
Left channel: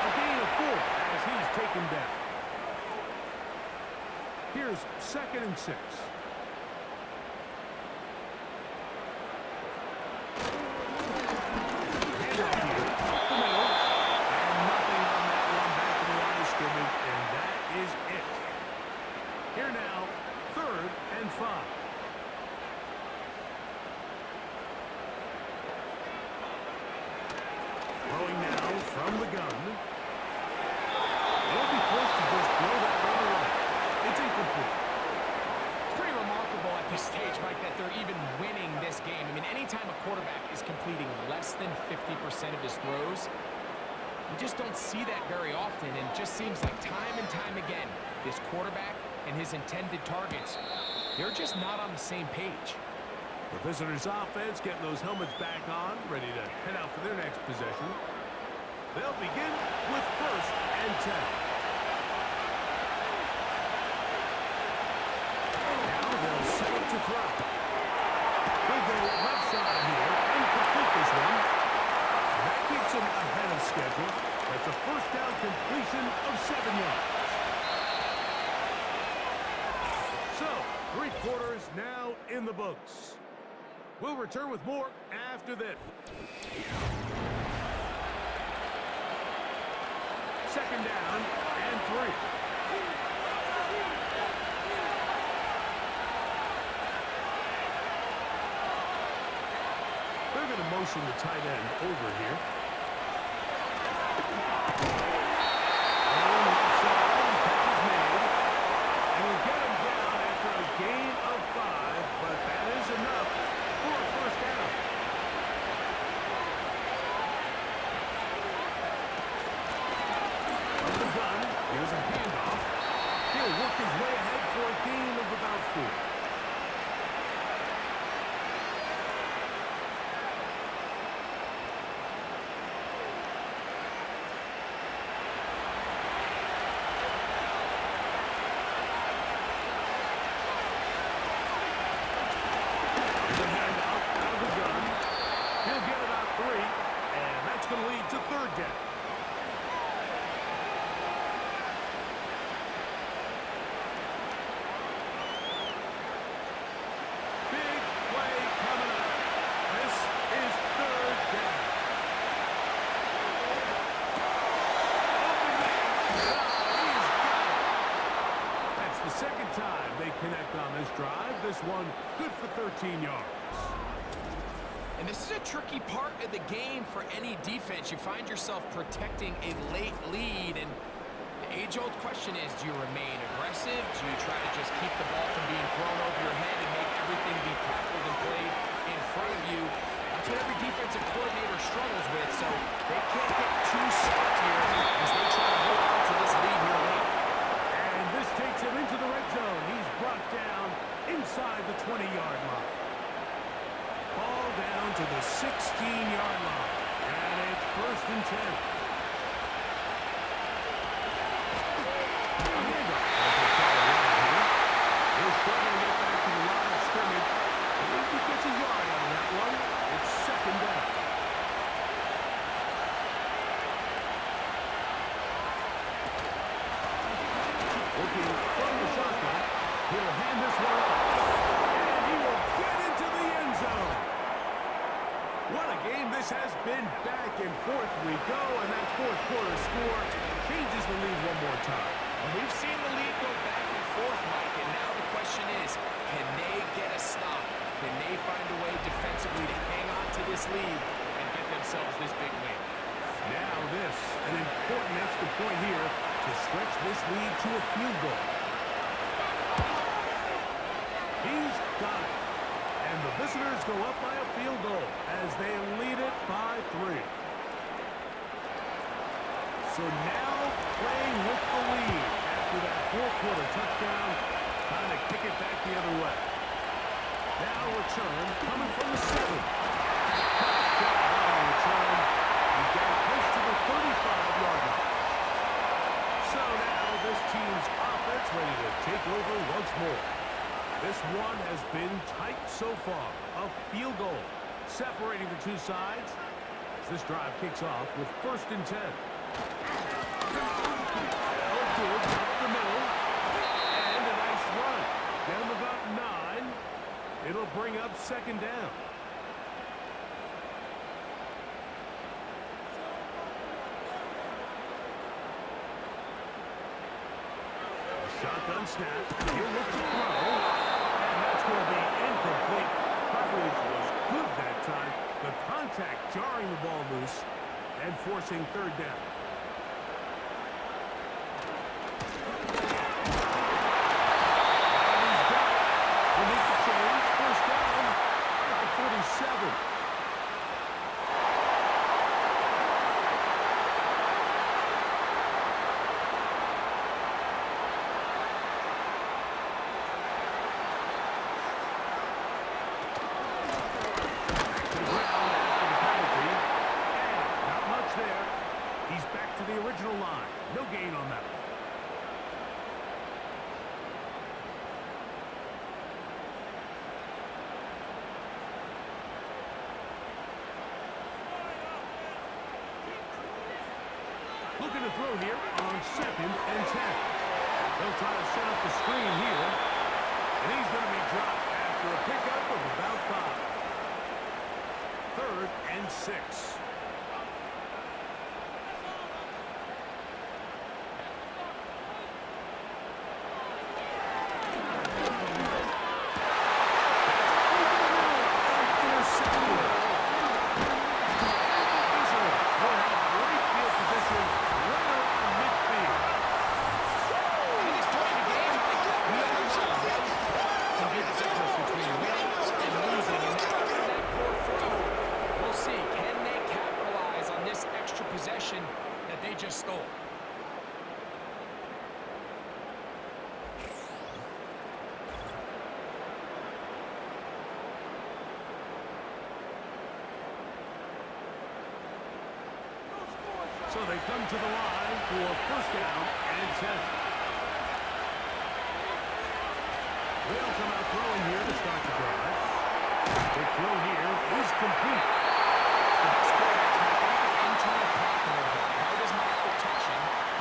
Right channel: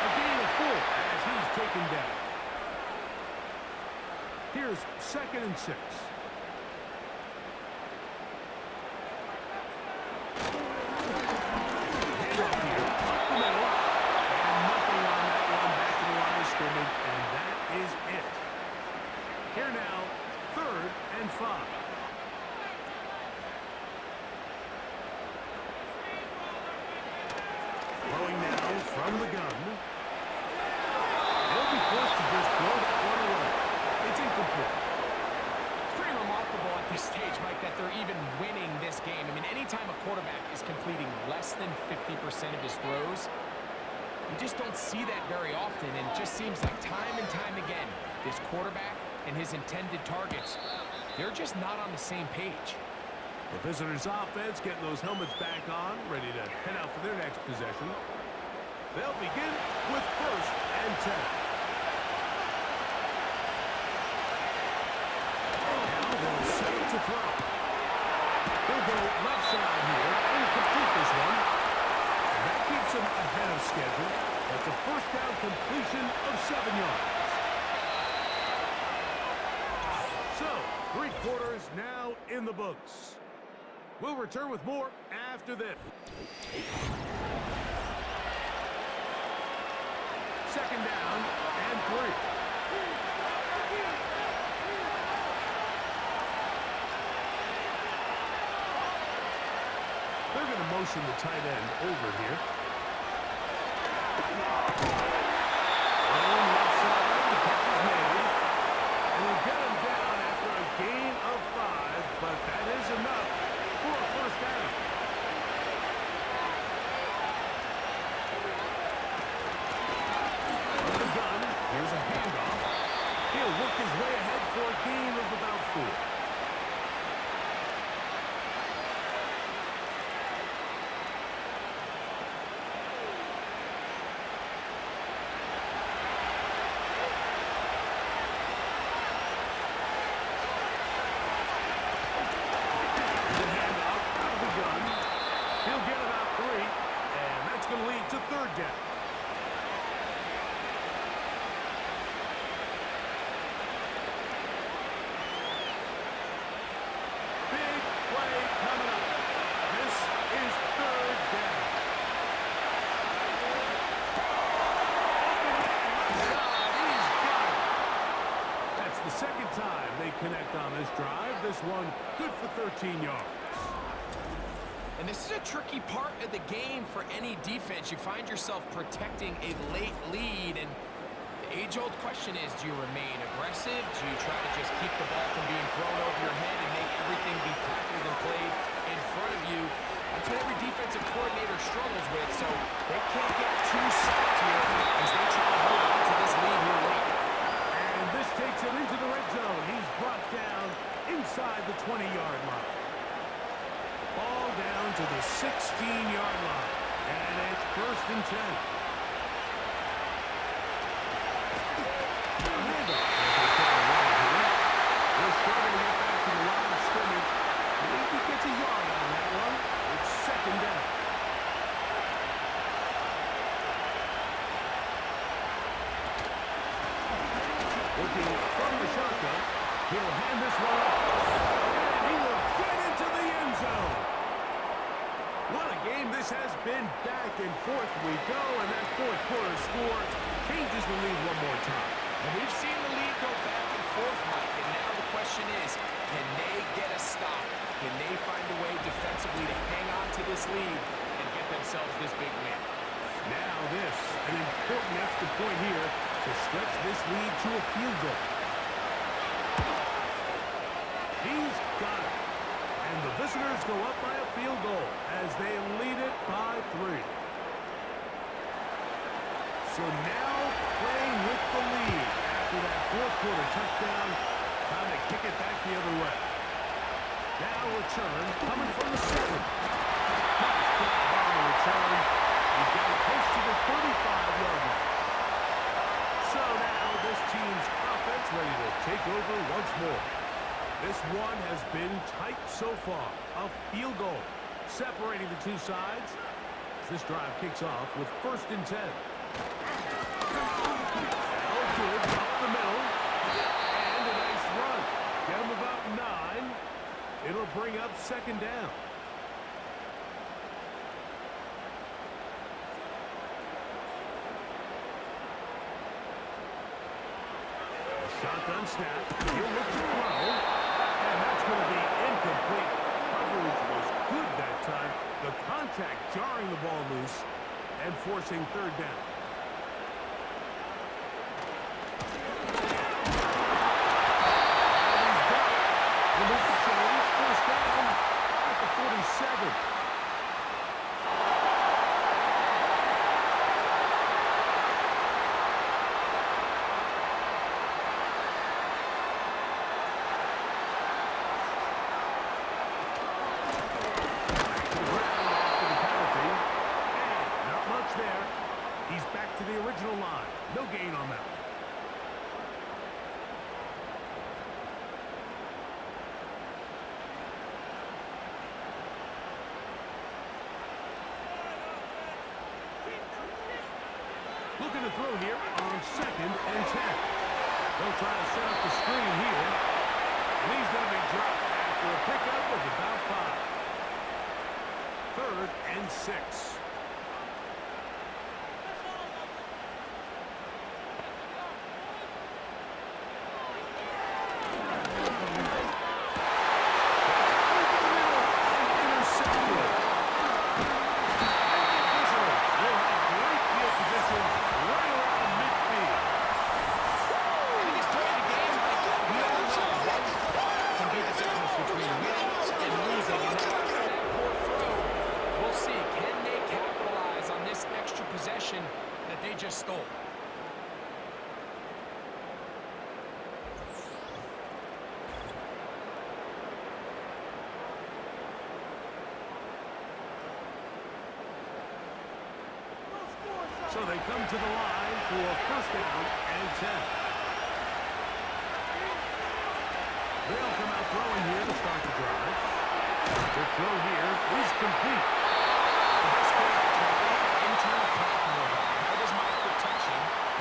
A gain of 4 as he's taken down. Here's 2nd and 6. Handoff here, up the middle, and nothing on that one back to the line of scrimmage, and that is it. Here now, 3rd and 5. Throwing now from the gun. They'll be forced to just throw that one away. It's incomplete. It's pretty remarkable at this stage, Mike, that they're even winning this game. I mean, anytime a quarterback is completing less than 50% of his throws, you just don't see that very often, and it just seems like time and time again, this quarterback and his intended targets, they're just not on the same page. The visitors' offense getting those helmets back on, ready to head out for their next possession. They'll begin with 1st and 10. Now they'll set up to throw. They'll go left side here and complete this one. That keeps him ahead of schedule. That's a 1st down completion of 7 yards. So, 3 quarters now in the books. We'll return with more after this. 2nd down and 3. They're going to motion the tight end over here. On left side, the catch is made. And we'll get him down after a gain of 5, but that is enough for a 1st down. From the gun, Here's a handoff. He'll work his way ahead for a gain of about 4. Here's a handoff out of the gun. He'll get about 3, and that's going to lead to 3rd down. Big play coming up. This is 3rd down. Open man left side. He's got it. That's the 2nd time they connect on this drive. This one good for 13 yards. And this is a tricky part of the game for any defense. You find yourself protecting a late lead, and the age-old question is, do you remain aggressive? Do you try to just keep the ball from being thrown over your head and make everything be tackled and played in front of you? That's what every defensive coordinator struggles with, so they can't get too soft here as they try to hold on to this lead here late. And this takes him into the red zone. He's brought down inside the 20-yard line. Ball down to the 16-yard line. And it's 1st and 10. A handoff as they try to run it here. They're struggling to get back to the line of scrimmage. Maybe he gets a yard out of that one. It's 2nd down. Working from the shotgun. He'll hand this one off. And he will get into the end zone. What a game this has been. Back and forth we go, and that 4th quarter score changes the lead one more time. And we've seen the lead go back and forth, Mike, and now the question is, can they get a stop? Can they find a way defensively to hang on to this lead and get themselves this big win? Now this, an important extra point here to stretch this lead to a field goal. He's got it. And the visitors go up by a field goal as they lead it by 3. So now playing with the lead after that 4th quarter touchdown, trying to kick it back the other way. Now return coming from the 7. Nice job on the return. He's got it close to the 35-yard line. So now this team's offense ready to take over once more. This one has been tight so far. A field goal separating the two sides as this drive kicks off with 1st and 10. They'll give up the middle. And a nice run. Get him about 9. It'll bring up 2nd down. Shotgun snap. He'll look to throw. And that's going to be incomplete. Coverage was good that time. The contact jarring the ball loose and forcing 3rd down. And he's got it. We'll make the change. 1st down at the 47. There. He's back to the original line. No gain on that one. Looking to throw here on 2nd and 10. They'll try to set up the screen here. And he's going to be dropped after a pickup of about 5. 3rd and 6. Possession that they just stole. So they come to the line for first down and 10. They'll come out throwing here to start the drive. The throw here is complete. The best quarterbacks might have an internal clock in their head. How does my protection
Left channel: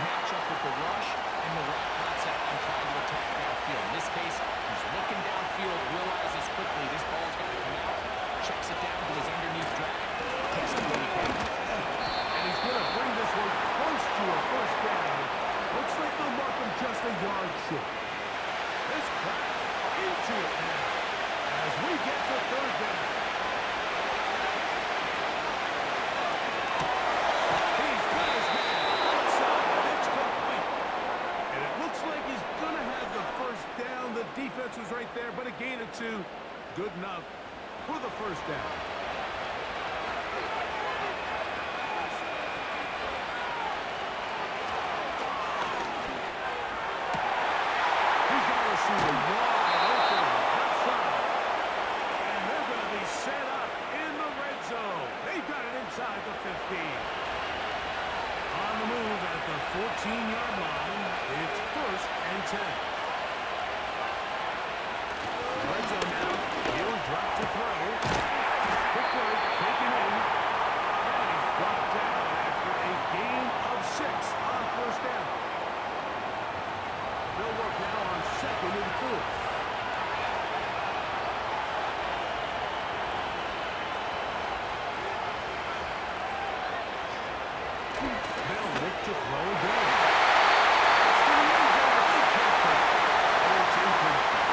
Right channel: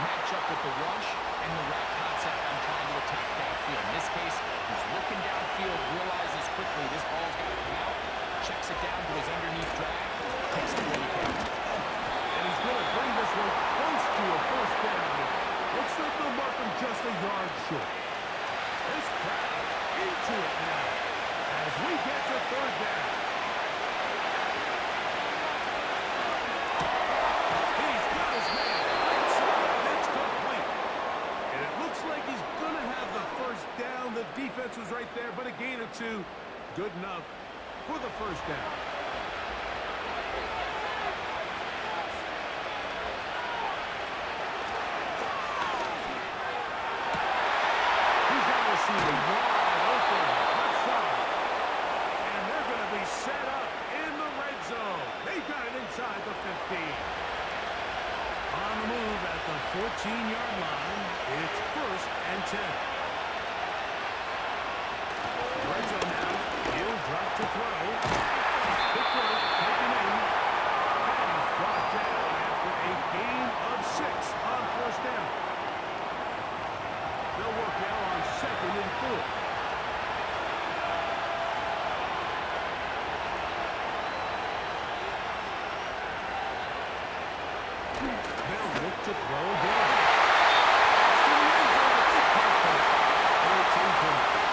match up with the rush and the route concept I'm trying to attack downfield? In this case, he's looking downfield, realizes quickly this ball's got to come out, checks it down to his underneath drag, picks up what he can. And he's going to bring this one close to a first down. Looks like they'll mark him just a yard short. This crowd into it now as we get to third down. He's got his man right side. It's complete. And it looks like he's going to have the first down. The defense was right there, but a gain of 2. Good enough for the first down. See the wide open left side. And they're going to be set up in the red zone. They've got it inside the 15. On the move at the 14-yard line, it's first and 10. Red zone now. He'll drop to throw. Quick throw, taken in. And he's brought down after a gain of 6 on first down. They'll work now on second and 4. They'll look to throw again. It's to the end zone, but they can't throw it. And it's incomplete.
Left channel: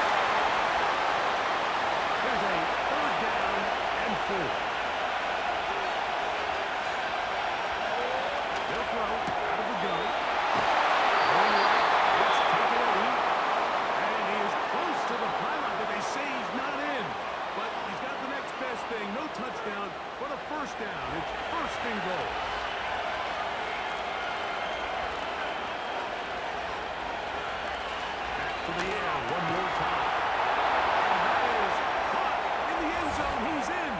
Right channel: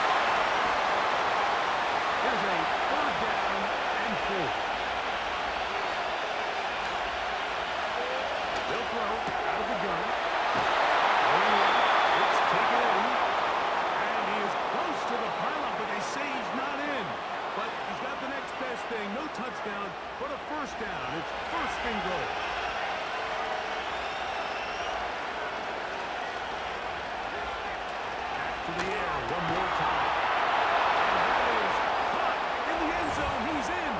Here's a third down and 4. They'll throw out of the gun. Going right. It's taken in, and he is close to the pylon, but they say he's not in. But he's got the next best thing. No touchdown, but a first down. It's first and goal. Back to the air one more time. And that is caught in the end zone. He's in.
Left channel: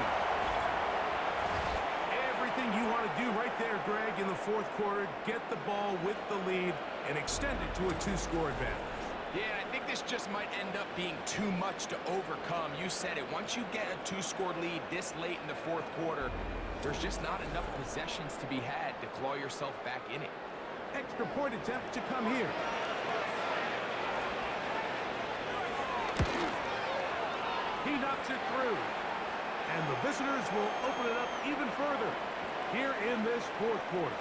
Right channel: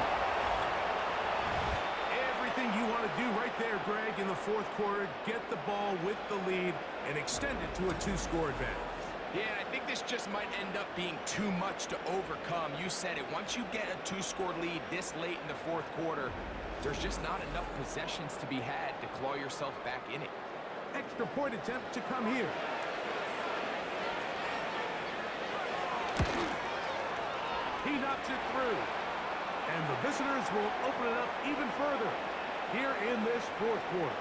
Everything you want to do right there, Greg, in the fourth quarter, get the ball with the lead and extend it to a 2-score advantage. Yeah, and I think this just might end up being too much to overcome. You said it. Once you get a 2-score lead this late in the fourth quarter, there's just not enough possessions to be had to claw yourself back in it. Extra point attempt to come here. He knocks it through. And the visitors will open it up even further here in this fourth quarter.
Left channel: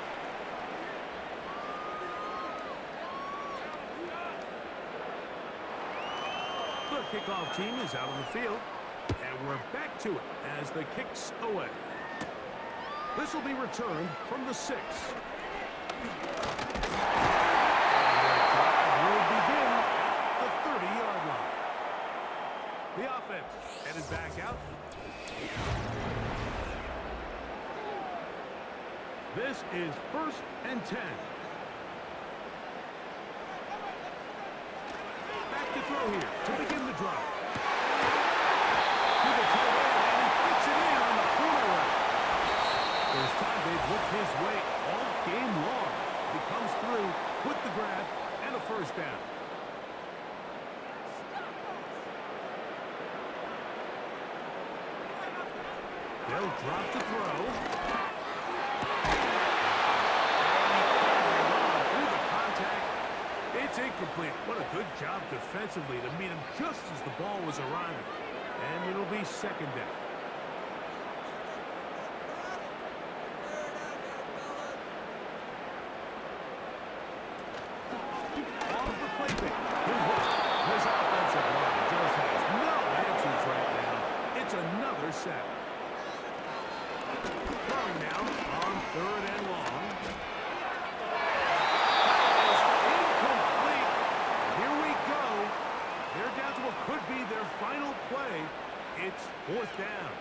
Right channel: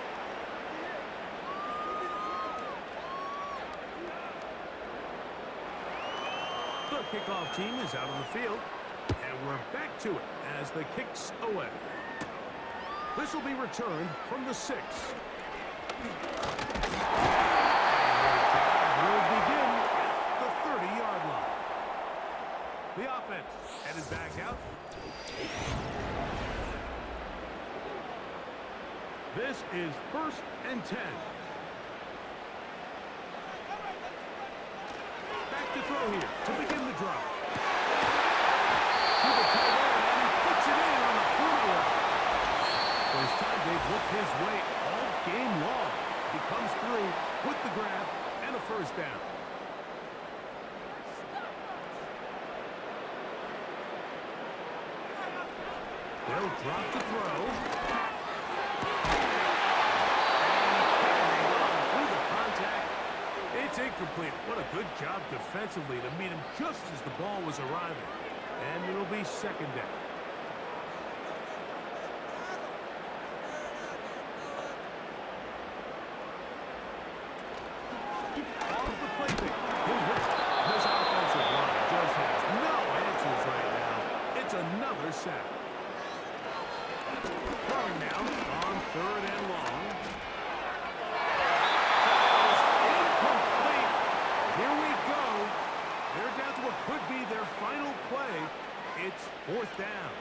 The kickoff team is out on the field, and we're back to it as the kick's away. This will be returned from the 6. And their drive will begin at the 30-yard line. The offense headed back out. This is first and 10. Back to throw here to begin the drive. To the tight end, and he fits it in on the corner route. First time they've looked his way all game long. He comes through with the grab and a first down. They'll drop to throw. And he can't hang on through the contact. It's incomplete. What a good job defensively to meet him just as the ball was arriving. And it'll be second down. Off the play fake. This offensive line just has no answers right now. It's another sack. Throwing now on third and long. That is incomplete. Here we go. They're down to what could be their final play. It's fourth down.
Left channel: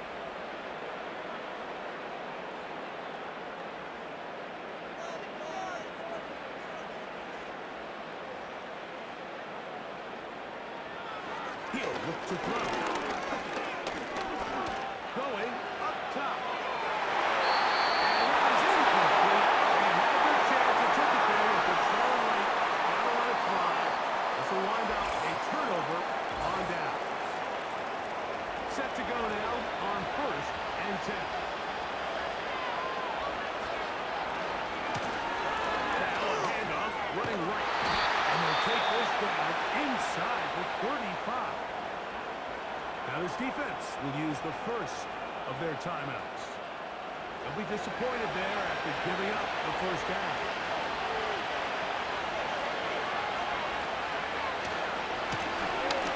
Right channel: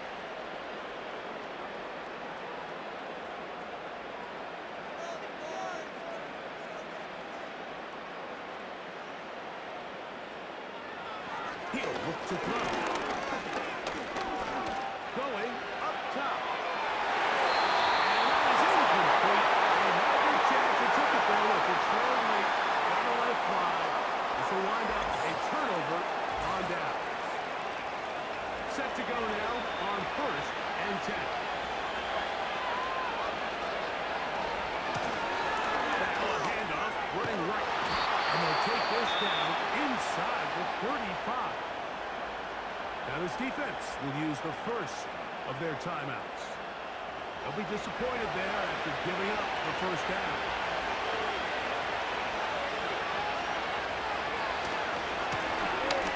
He'll look to throw. Going up top. And that is incomplete. They had their take this down inside the 35. Now this defense will use the first of their timeouts. They'll be disappointed there after giving up the first down.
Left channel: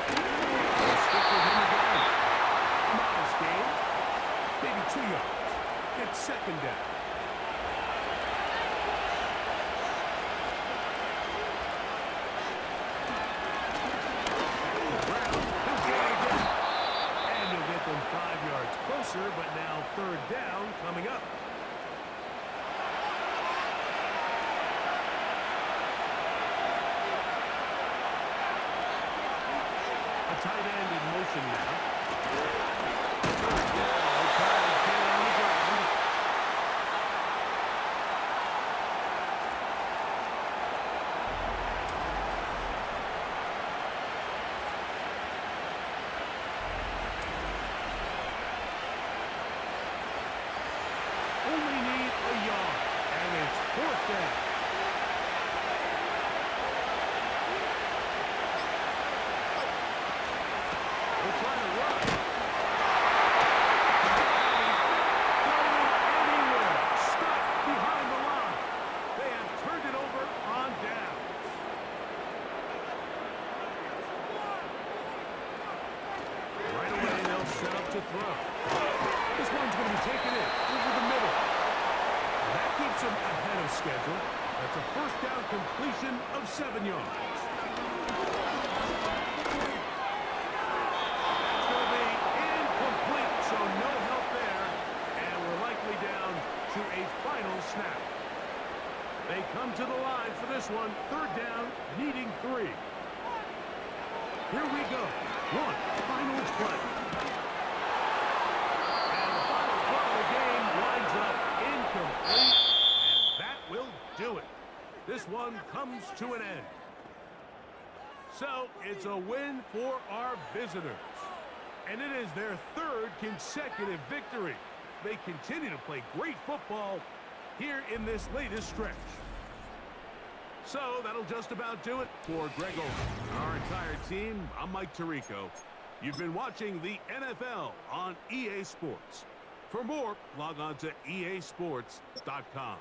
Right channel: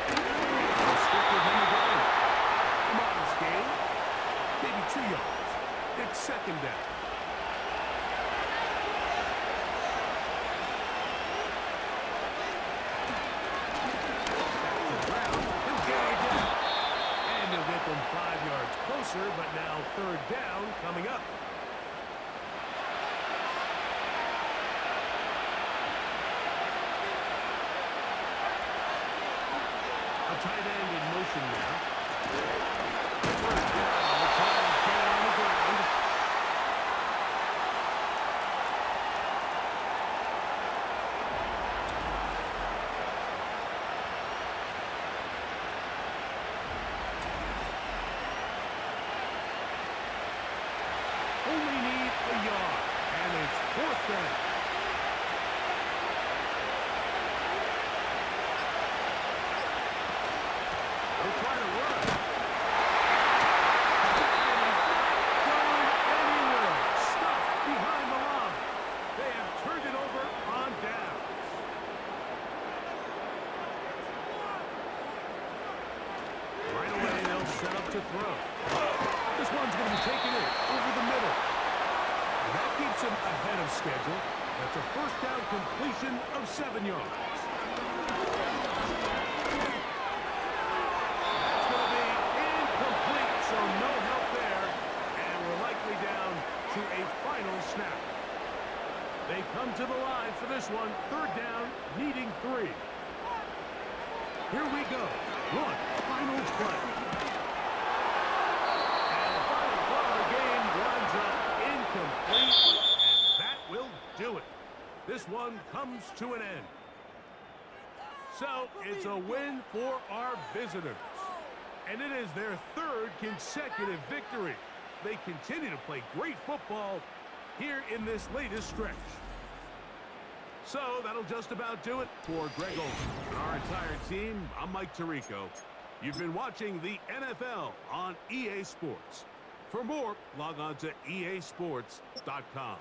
They'll stick with him again. A modest gain, maybe 2 yards. It's second down. Get them 5 yards closer, but now third down coming up. A tight end in motion now. Third down, they'll try and get it on the ground. Only need a yard, and it's fourth down. They'll try to run. And he's not going anywhere. Stuffed behind the line. They have turned it over on downs. Right away, they'll set up to throw. This one's going to be taken in over the middle. And that keeps him ahead of schedule. That's a first down completion of 7 yards. That's going to be incomplete, so no help there. And we're likely down to a final snap. They come to the line for this one. Third down, needing 3. Here we go. One final play. Game winds up incomplete, and that will do it. This one comes to an end. So it's a win for our visitors, and it is their third consecutive victory. They continue to play great football here in this latest stretch. So that'll just about do it for Greg Olsen and our entire team. I'm Mike Tirico. You've been watching the NFL on EA Sports. For more, log on to easports.com.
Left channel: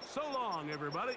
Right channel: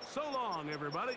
So long, everybody.